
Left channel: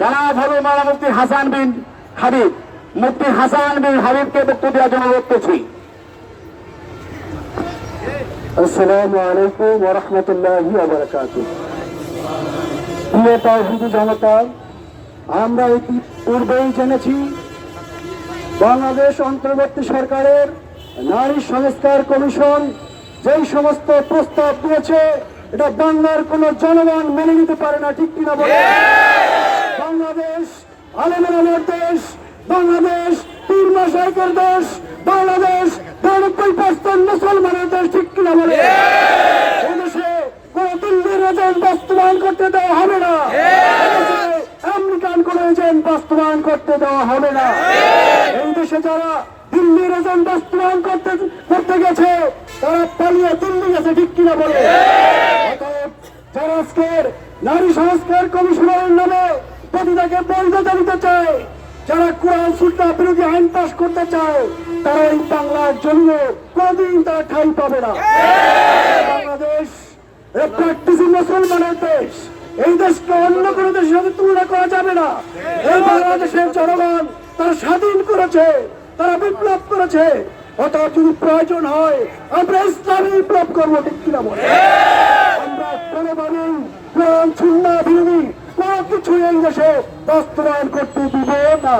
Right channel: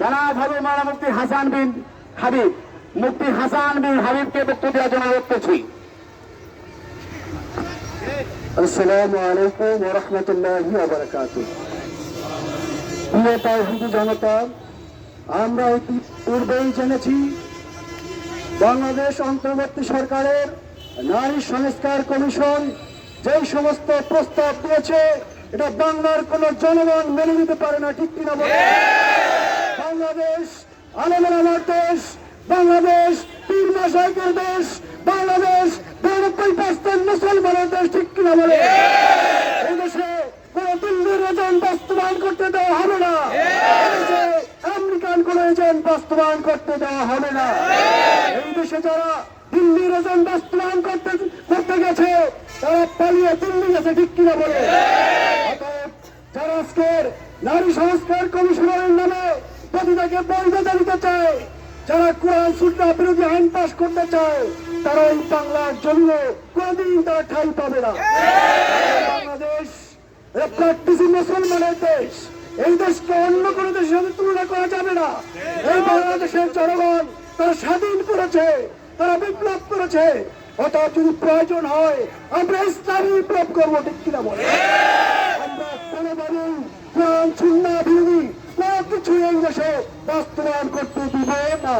জনাব হযরত মাওলানা মুফতি হাসান বিন হাবিব, মুফতি হাসান বিন হাবিবকে বক্তব্য দেওয়ার জন্য অনুরোধ করছি। আসসালামু আলাইকুম ওয়া রাহমাতুল্লাহি ওয়া বারাকাতুহু। প্রিয় তাওহীদি জনতা, আমরা পূর্বেই জেনেছি বাংলাদেশ অন্তর্বর্তী সরকারের নারী সংস্কার কমিশন যেই সমস্ত প্রস্তাব দিয়েছে, এটা বাংলার কোন জনগণ মেনে নিতে পারে না, ঠিক কিনা বলে? বাংলাদেশ আলেমের আমার দেশ, বাংলাদেশ পীর মাশায়েখের দেশ, বাংলাদেশ 90% মুসলমানের দেশ, ঠিক কিনা বলে? এদেশে কোন দিল্লির এজেন্ট বাস্তবায়ন করতে দেওয়া হবে না, আমেরিকান কোন এজেন্ট বাস্তবায়ন করতে দেওয়া হবে না। এই দেশে যারা দিল্লির এজেন্ট বাস্তবায়ন করতে গেছে, তারা পালিয়ে দিল্লি গেছে, ঠিক কিনা বলে? যারা আজকের নারী সংস্কার কমিশনের নামে প্রতিটাকে বৈধতা দিতে চায়, যারা কোরআন সুন্নাহ বিরোধী আইন পাস করতে চায়, তারা এই বাংলার জমিনে কোনদিন তারা ঠাঁই পাবে না। বাংলাদেশ প্র্যাকটিসিং মুসলমানের দেশ, এই দেশকে অন্য কোনো দেশের সাথে তুলনা করা যাবে না। এই বাংলাদেশের জনগণ তারা স্বাধীন করেছে, তারা বিপ্লব করেছে। অতএব যদি প্রয়োজন হয় আমরা ইসলামী বিপ্লব করবো, ঠিক কিনা বলে? আমরা কোনোভাবেই কোরআন সুন্নাহ বিরোধী কোনো কিছু এই দেশে বাস্তবায়ন করতে দিব না।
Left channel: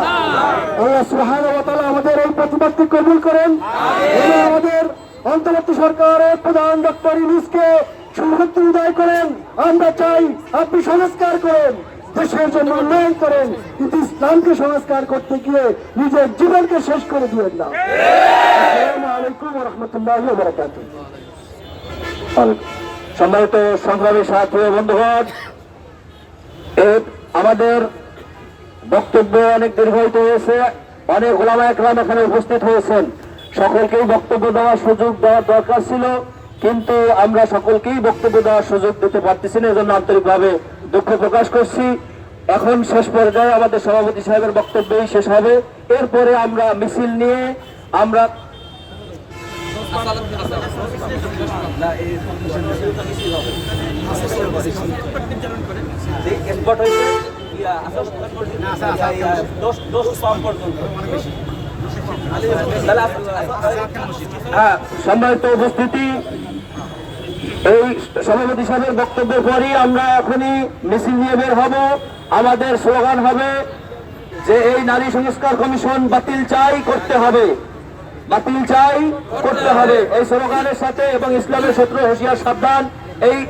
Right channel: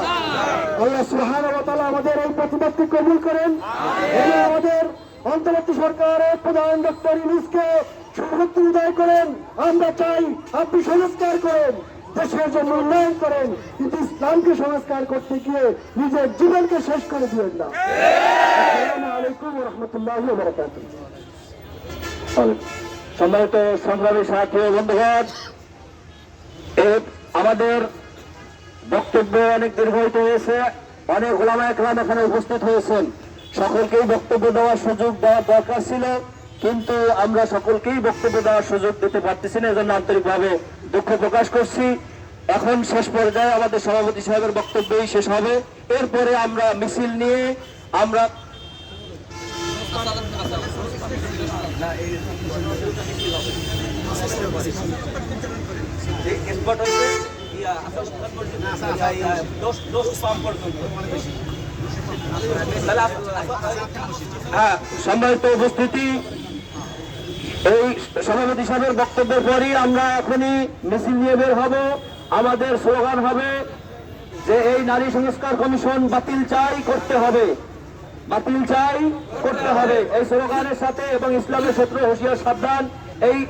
আল্লাহ সুবহানাহু ওয়া তাআলা আমাদের এই প্রতিবাদটি কবুল করেন এবং আমাদের অন্তর্বর্তী সরকারের প্রধান ডক্টর ইউনূসকে সুশক্তি উদয় করেন। আমরা চাই আপনি সংস্কার করেন, দেশের জন্য উন্নয়ন করেন, কিন্তু ইসলামকে সংস্কার করতে গিয়ে নিজের জীবনকে শেষ করে দিবেন না। আসসালামু আলাইকুম ওয়া রাহমাতুল্লাহি ওয়া বারাকাতুহু। সম্মানিত সংগ্রামী সাথী ও বন্ধুগণ, আমাদের বক্তব্য অনেক দীর্ঘায়িত হয়েছে। অনেক ওলামা একরাম এখানে উপস্থিত হয়েছেন। সকলকেই বক্তব্য দেওয়ার সুযোগ দেওয়ার দরকার ছিল, কিন্তু আমরা সকলকেই বক্তব্য দেওয়ার সুযোগ দিতে পারতেছি না, এজন্য আন্তরিকভাবে দুঃখ প্রকাশ করছি। এখন শেষ পর্যায়ে আমাদের সভাপতি সাহেবের বক্তব্যই শেষ হবে, এরপরে আমরা মিছিল নিয়ে আমরা সম্মানিত উপস্থিতি, এই সভাপতি সাহেবের বক্তব্যের পরই আমরা এখনই মিছিল নিয়ে বের হব। আমাদের স্লোগান হবে যে এই নারী সংস্কার কমিশন বাতিল চাই, করতে হবে, বাতিল চাই, করতে হবে। এই স্লোগানের সাথে এবং ইসলামের শত্রু হুঁশিয়ার সাবধান,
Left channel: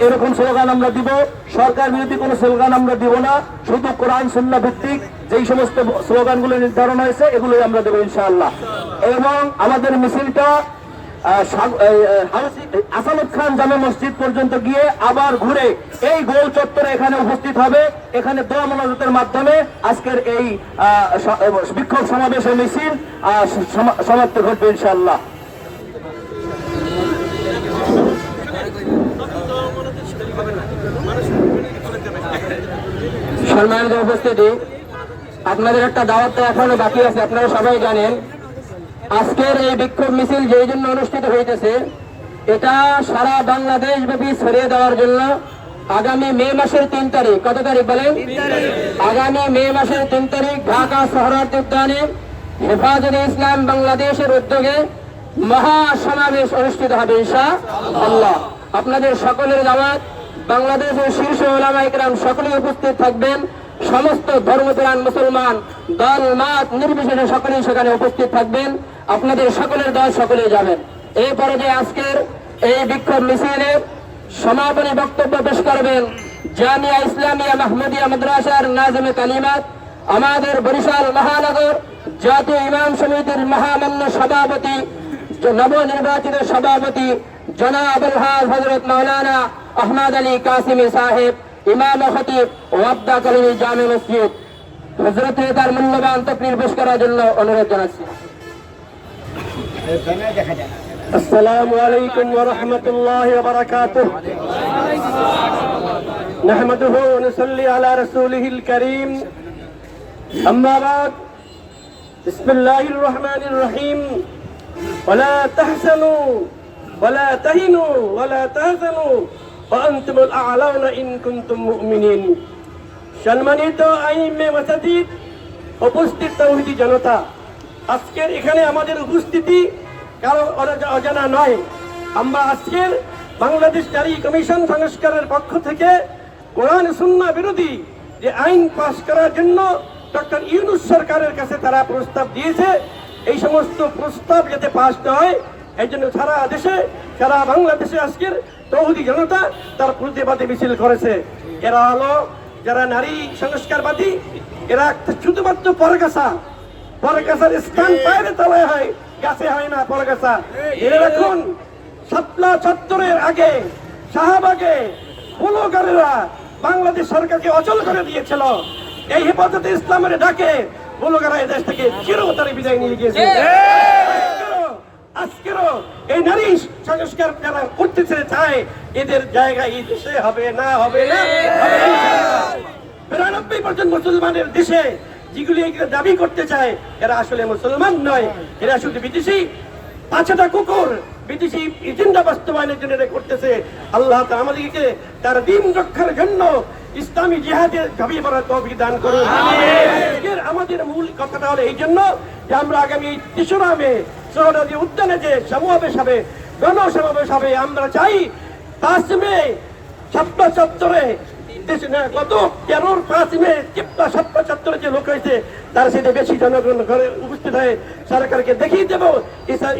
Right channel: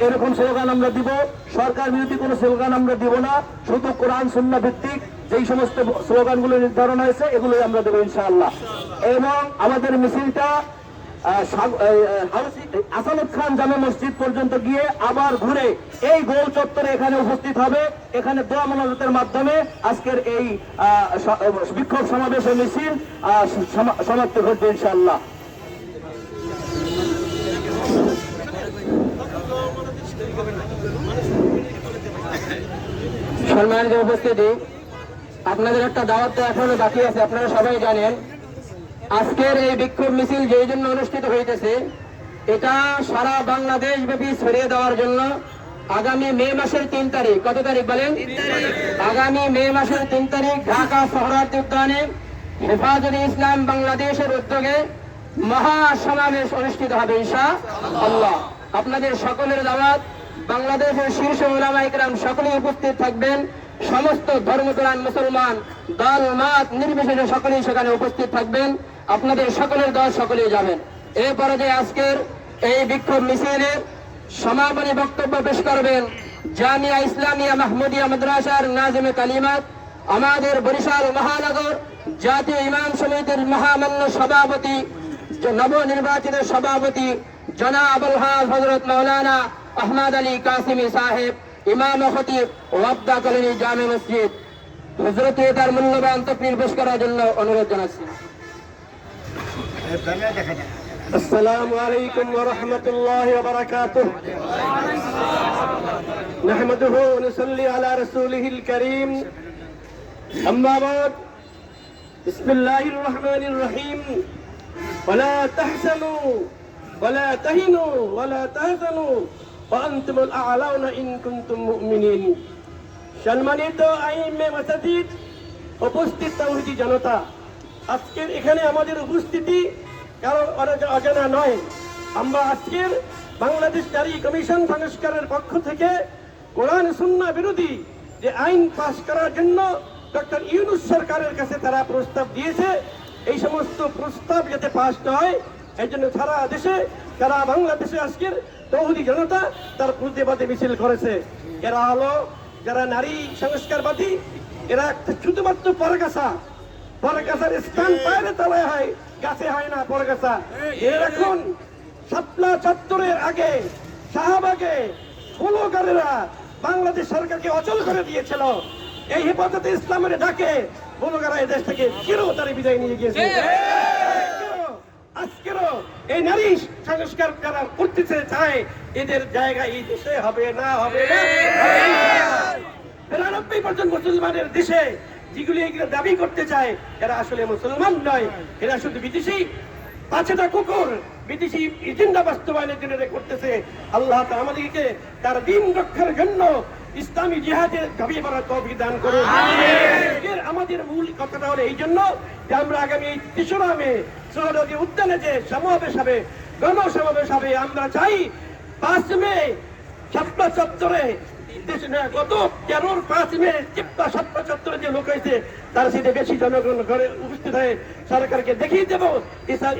এরকম স্লোগান আমরা দিব। সরকার বিরোধী কোনো স্লোগান আমরা দিব না, শুধু কোরআন সুন্নাহ ভিত্তিক যেই সমস্ত স্লোগানগুলো নির্ধারণ হয়েছে এগুলোই আমরা দেবো ইনশাআল্লাহ। এবং আমাদের মিছিলটা আসাদুল খান জামে মসজিদ পর্যন্ত গিয়ে আবার ঘুরে এই গোল চত্বরে এখানে উপস্থিত হবে। এখানে দোয়া মোনাজাতের মাধ্যমে আজকের এই বিক্ষোভ সমাবেশ মিছিল সমাপ্তি ঘটবে ইনশাআল্লাহ। সম্মানিত উপস্থিতি, আপনাদের একটা দাওয়াত তো এখনো বাকি আছে, আপনারা সবাই জানেন। আজকের এই বিক্ষোভ মিছিল যেই জন্য অনুষ্ঠিত হইতেছে, এটা সারা বাংলাদেশ ব্যাপী ছড়িয়ে দেওয়ার জন্য আগামী মে মাসের 3 তারিখ, কত তারিখ বলেন? আগামী মে মাসের 3 তারিখ ঢাকা সোহরাওয়ার্দী উদ্যানে হেফাজতে ইসলাম বাংলাদেশের উদ্যোগে মহা সমাবেশ অনুষ্ঠিত হবে ইনশাআল্লাহ। আপনাদের সকলের দাওয়াত, বাংলাদেশের শীর্ষ উলামা ইকরাম সকলেই উপস্থিত থাকবেন। সমস্ত ধর্মপ্রাণ মুসলমান দল মত নির্বিশেষে সকলেই সেখানে উপস্থিত থাকবেন। আপনাদের সকলের দল সকলেই যাবেন। এরপরে যে আজকের এই বিক্ষোভ মিছিলের সমাপনী বক্তব্য পেশ করবেন জামিয়া ইসলামিয়া মাহমুদিয়া মাদ্রাসার নাজমে কালিমাত, আমাদের বরিশাল মহানগর জাতীয় ইমাম সমিতির মহামান্য সভাপতি, নবনির্বাচিত সভাপতি জনাব আল হযরত মাওলানা আহমদ আলী কাসিমি সাহেব, ইমাম ও খতিব ওয়াবদা কলোনি জামে মসজিদ, হযরতে তার মূল্যবান তাকরীর পেশ করার জন্য অনুরোধ জানাচ্ছি। আসসালামু আলাইকুম ওয়া রাহমাতুল্লাহি ওয়া বারাকাতুহু। নাহমাদুহু ওয়া নুসাল্লি আলা রাসূলিহিল কারীম। আম্মা বাদ। বিসমিল্লাহির রহমানির রহিম। ওয়ালা তাহসানু ওয়ালা তাহিনু ওয়ালা তাহজানু ওয়া আনতুমুল আ'লাউনা ইন কুনতুম মুমিনিন। সম্মানিত আইমে মাসাজিদ, উপস্থিত তাওহীদি জনতা, আজকের এখানে আমাদের উপস্থিতি কারো অজানা নয়। আমরা আজকের বাংলাদেশ নারী কমিশন সংস্কারের পক্ষ থেকে কোরআন সুন্নাহ বিরোধী যে আইন পাস করার জন্য ডক্টর ইউনূস সরকারের কাছে তারা প্রস্তাব দিয়েছে, এই সমস্ত প্রস্তাব যাতে পাস না হয় এই জন্য সারা দেশে, সারা বাংলাদেশে আজকের তৌহিদি জনতা তার প্রতিবাদে মিছিল করেছে। এরা হলো যারা নারী সংস্কারবাদী, এরা শুধুমাত্র পরগাছার স্থান বাইরে তলায় হয়, গাছে হয় না পরগাছা। এরা রাখুন শাপলা চত্বরের আগে শাহবাগে ব্লগারেরা বাংলাদেশ সরকারকে অচল করে দিয়েছিল। এই হেফাজতে ইসলামের ডাকে ব্লগাররা এই দেশ থেকে চিরতরে বিদায় নিয়ে গিয়েছে। আজকেরও এই নারী সংস্কার যারা করতেছে চায়, এদের জায়গা এই দেশে হবে না, হবে না। ৯২% মুসলমানের দেশে যেগুলি দাবি করতে চায় এরা আসলে মুসলমান নয়, এরা শুধু বিদেশি পাঁচটা কুকুর, বিদেশি এজেন্ডা বাস্তবায়নের জন্য এটা করতেছে। আল্লাহ আমাদেরকে তার দিন রক্ষার জন্য ইসলামী জিহাদের ঝাঁপিয়ে পড়ার তৌফিক দান করুন। আমাদের মূল কথাটা হলো এই জন্য যে আমরা আগামী ৩রা মে সোহরাওয়ার্দী উদ্যানে যে সমাবেশ হবে, গণসমাবেশ হবে, আমরা চাই ৫ মে শাপলা চত্বরে গত ৫ মে শাপলা চত্বরে যে লোক হয়েছে তার সাথে বেশি জনগণ ঘরে উপস্থিত হয়ে সরকারকে দেখিয়ে দেবো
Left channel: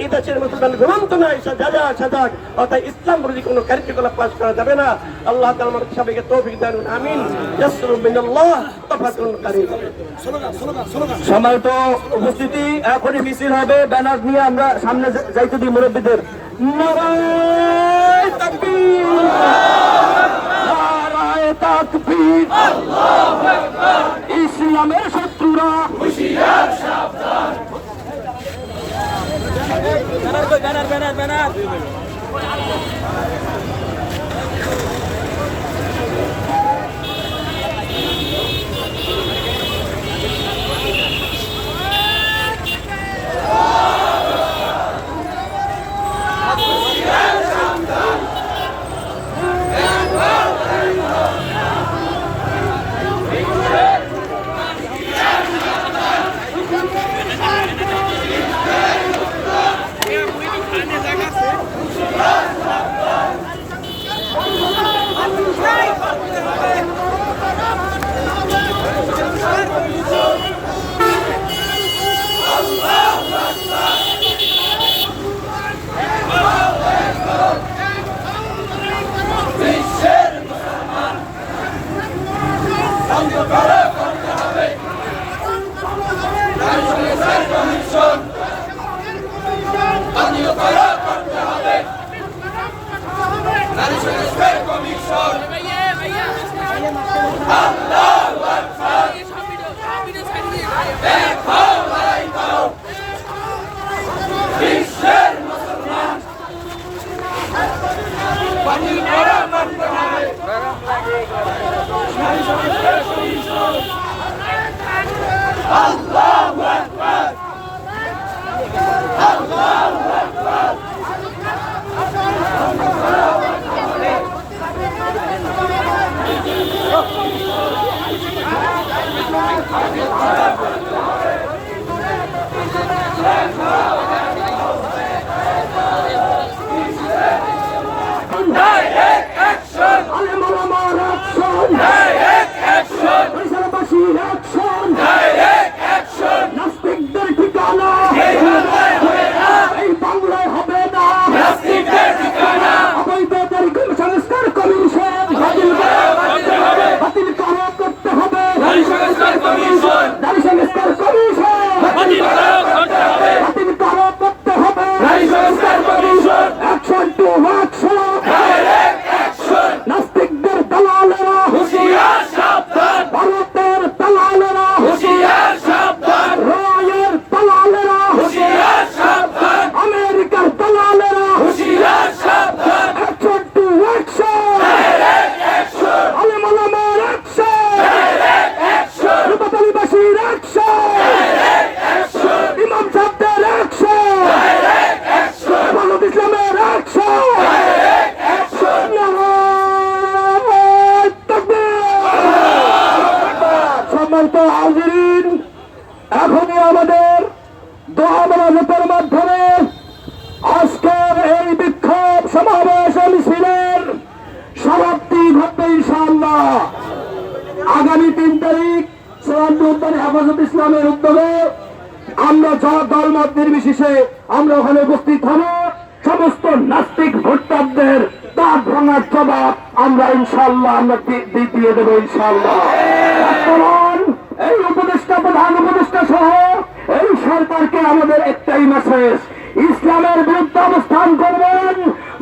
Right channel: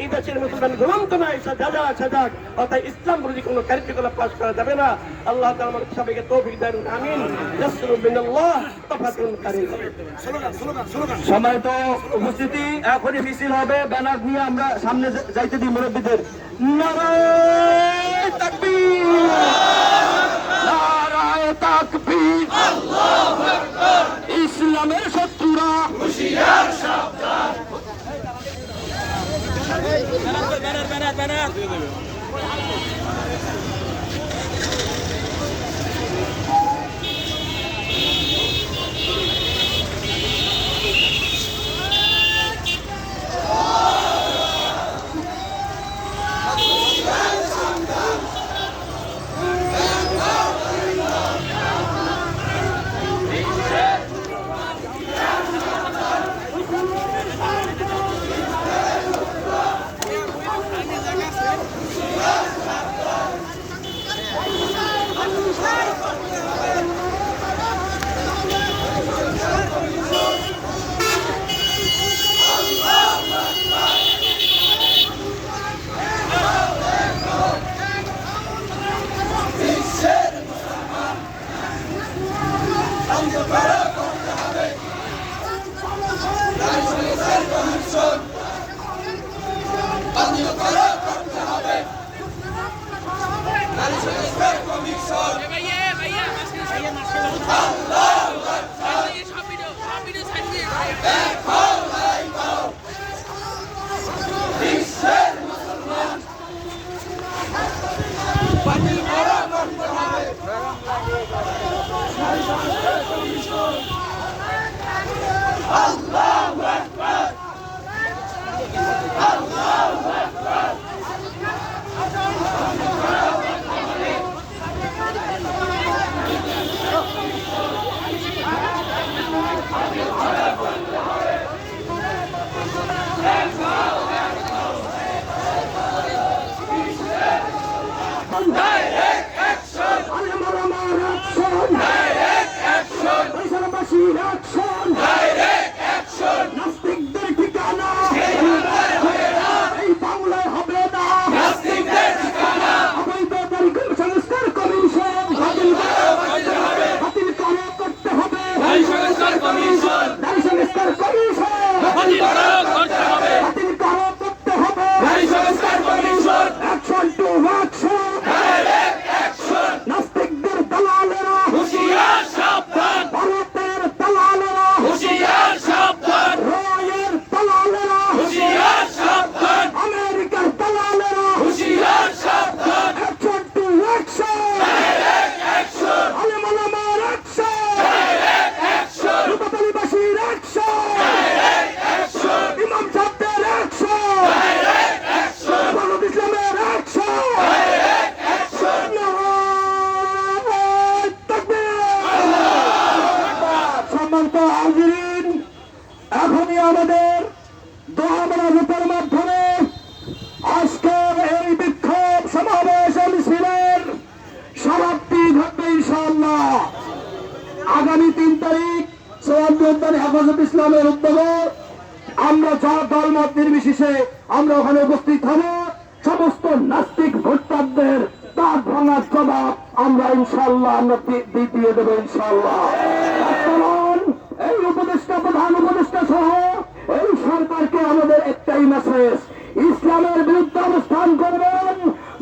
এই দেশের মুসলমান গ্রন্থ নয় সাজাক, অর্থাৎ ইসলাম বিরোধী কোনো কার্যকলাপ পাস করা যাবে না। আল্লাহ তাআলা আমাদের সবাইকে তৌফিক দান, আমিন। ইয়াসরু বিনাল্লাহ তাফাতুন কারীম। সম্মানিত উপস্থিতি, এখনই মিছিল হবে, ব্যানার নিয়ে আমরা সামনে যাইতে দিই মুরব্বীদের। নারায়ে তাকবীর, নারায়ে তাকবীর, আল্লাহু আকবার। ইসলামের শত্রুরা হুঁশিয়ার সাবধান। এখনই আমাদের দোয়া মোনাজাতের মাধ্যমে আজকের এই বিক্ষোভ সমাবেশ মিছিলের সমাপ্তি ঘটবে ইনশাআল্লাহ। আগামী 3 তারিখ সরাসরি উদ্যানে হেফাজত ইসলামের উদ্যোগে আমরা দলমত নির্বিশেষে আমরা ওখানে উপস্থিত হব। সমস্ত নাস্তিক ভোটারদের দাঁত ভাঙার জবাব আমরা ইনশাআল্লাহ আমরা দিয়ে দেবো ইনশাআল্লাহ। বর্তমান এই উপদেষ্টা প্রধান উপদেষ্টা সহ এই সরকারকে আমাদের একটাই মেসেজ, ইসলামের বিরুদ্ধে অবস্থান করবেন,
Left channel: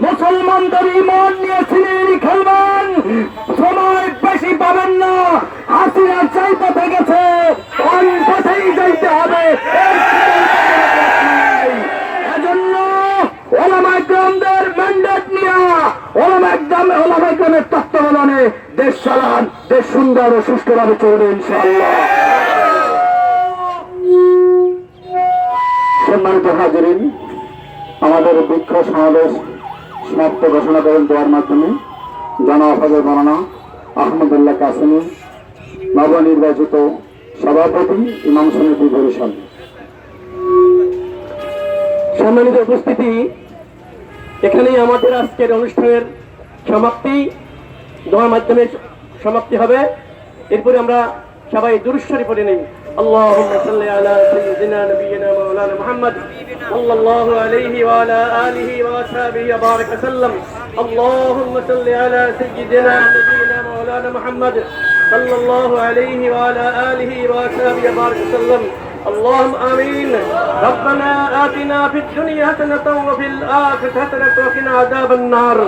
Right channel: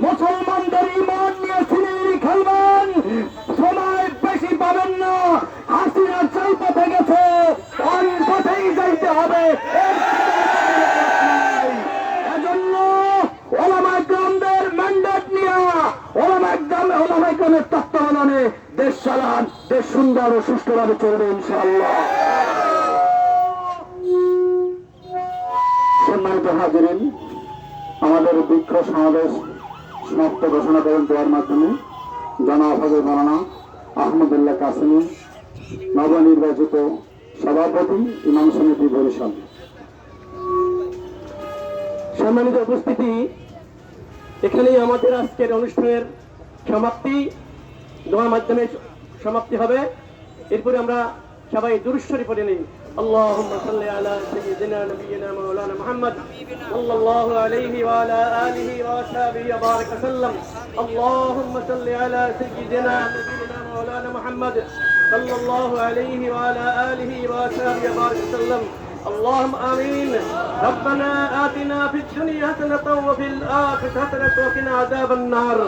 মুসলমানদের ইমান নিয়ে সিনেরি খেলবেন, সময় বেশি পাবেন না। হাসিনা চাই পথে গেছে, কোন পথেই যাইতে হবে। এজন্য ওলামা ইকরামদের ম্যান্ডেট নিয়ে ওলামা ইকরামের তত্ত্বাবধানে দেশ চালান, দেশ সুন্দর ও সুষ্ঠুভাবে চলবে ইনশাআল্লাহ। সম্মানিত হাজিরিন, আমাদের বিক্ষোভ সমাবেশ সমাপ্ত ঘোষণা করেন দেওয়ার মাধ্যমে জনাব হযরত মাওলানা আহমদুল্লাহ কাসেমি, নবনির্বাচিত সভাপতি, ইমাম সমিতি বরিশাল। সম্মানিত উপস্থিতি, এখানেই আমাদের আজকের অনুষ্ঠানের সমাপ্তি, দোয়ার মাধ্যমে সমাপ্তি হবে। এরপরে আমরা সবাই দুরূদ শরীফ পড়ে নেই। اللهم صل على سيدنا نبينا مولانا محمد صلى الله عليه وعلى آله وصحبه وبارك وسلم. اللهم صل على سيدنا نبينا مولانا محمد صلى الله عليه وعلى آله وصحبه وبارك وسلم. اللهم آمين. ربنا آتنا في الدنيا حسنة وفي الآخرة حسنة وقنا عذاب النار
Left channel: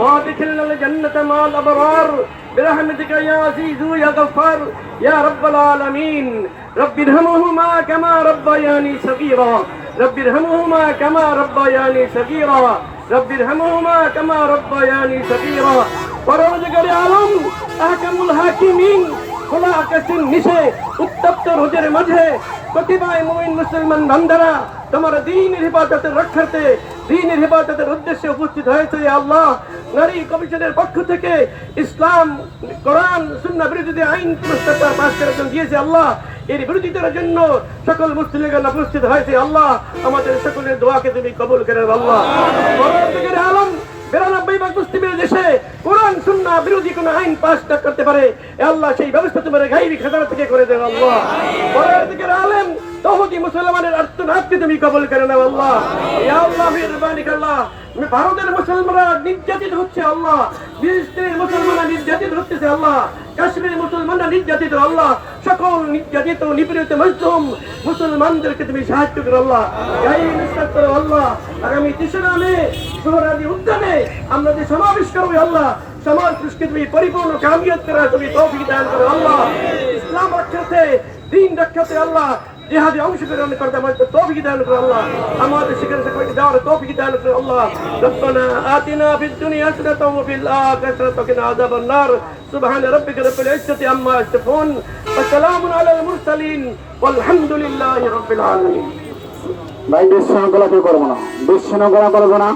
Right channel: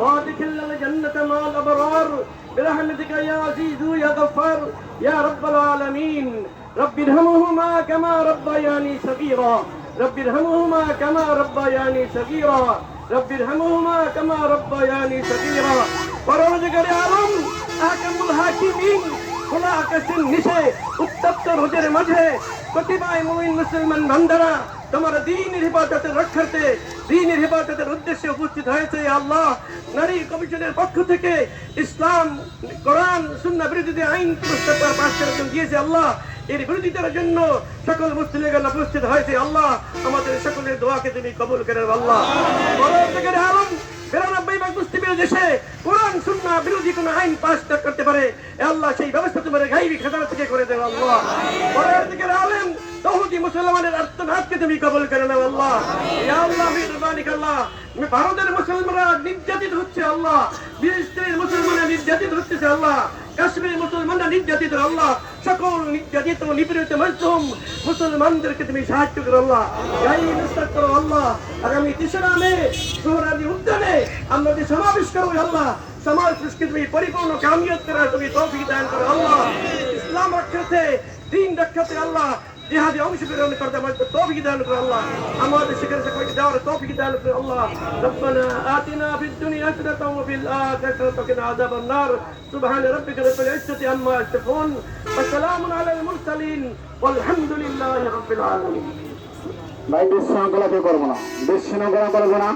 وادخلنا الجنة مع الأبرار برحمتك يا عزيز يا غفار يا رب العالمين. رب ارحمهما كما ربياني صغيرا. رب ارحمهما كما ربياني صغيرا رب ارحمهما كما ربياني صغيرا পরবর্তীকারী আলম আহকামুল হাকিমিন খোলা আকাশের নিচে উত্তপ্ত রোদের মাঝে কতিপয় মুমিন মুসলমান বান্দারা তোমার দ্বীনের হেফাজতের রক্ষার্থে দ্বীনের হেফাজতের উদ্দেশ্যে উপস্থিত হয়েছে আল্লাহ নারী কমিশনের পক্ষ থেকে ইসলাম কোরআন সুন্নাহ বিরোধী আইন প্রস্তাব পাস করার জন্য দিয়েছে আল্লাহ এর বিরোধিতার জন্য সকল মুসলিমগণ উপস্থিত হয়েছে আল্লাহ আমাদের সকলের দোয়াকে তুমি কবুল করে আল্লাহ পরবর্তীকারী আলম 92 মুসলিমের দেশে কোরআন সুন্নাহ বিরোধী কোন আইন পাস করতে পারে আল্লাহ সেই ব্যবস্থা তোমার গায়বী খাজানা থেকে করে দেন আল্লাহ পরবর্তীকারী আলেম তৌহিদি মুসলমানের আর্তনাদকে তুমি কবুল করে নাও আল্লাহ ইয়া আল্লাহ মেহেরবানি আল্লাহ ভারতের মুসলমানরা নির্যাতিত হচ্ছে আল্লাহ ফিলিস্তিনের মুসলমানরা নির্যাতিত হচ্ছে আল্লাহ কাশ্মীরের মুসলমানরা নির্যাতিত আল্লাহ সকল নির্যাতিত নিপীড়িত মজলুম মুসলমানদেরকে তুমি সাহায্য করো আল্লাহ এই নিস্তার করো আল্লাহ আগামী 3 মে সোহরাওয়ার্দী উদ্যানে আমরা যে সমাবেশ করবো আল্লাহ সমাজ পুরস্কে তুমি পরিপূর্ণ কামিয়াত করার তুমি তৌফিক দান করো আল্লাহ ইসলাম রক্ষার্থে দ্বীন রক্ষার্থে আল্লাহ জিহাদে অংশগ্রহণ করতে আমাদের তৌফিক দান করো আল্লাহ আমাদের শিক্ষা সকলকে দেওয়ার তৌফিক দান করো আল্লাহ রব্বানা আতিনা ফিদ দুনিয়া হাসানাতাও ওয়া ফিল আখিরাতি ওয়া কিনা আযাবান নার সুবহান রাব্বিকা রাব্বিল ইজ্জাতি আম্মা ইয়াসিফুন ওয়া সালামুন আলাল মুরসালিন ওয়ালহামদুলিল্লাহি রাব্বিল আলামিন ভাই বিশৃঙ্খলা কেউ করবো না, বিশৃঙ্খলা করবো না।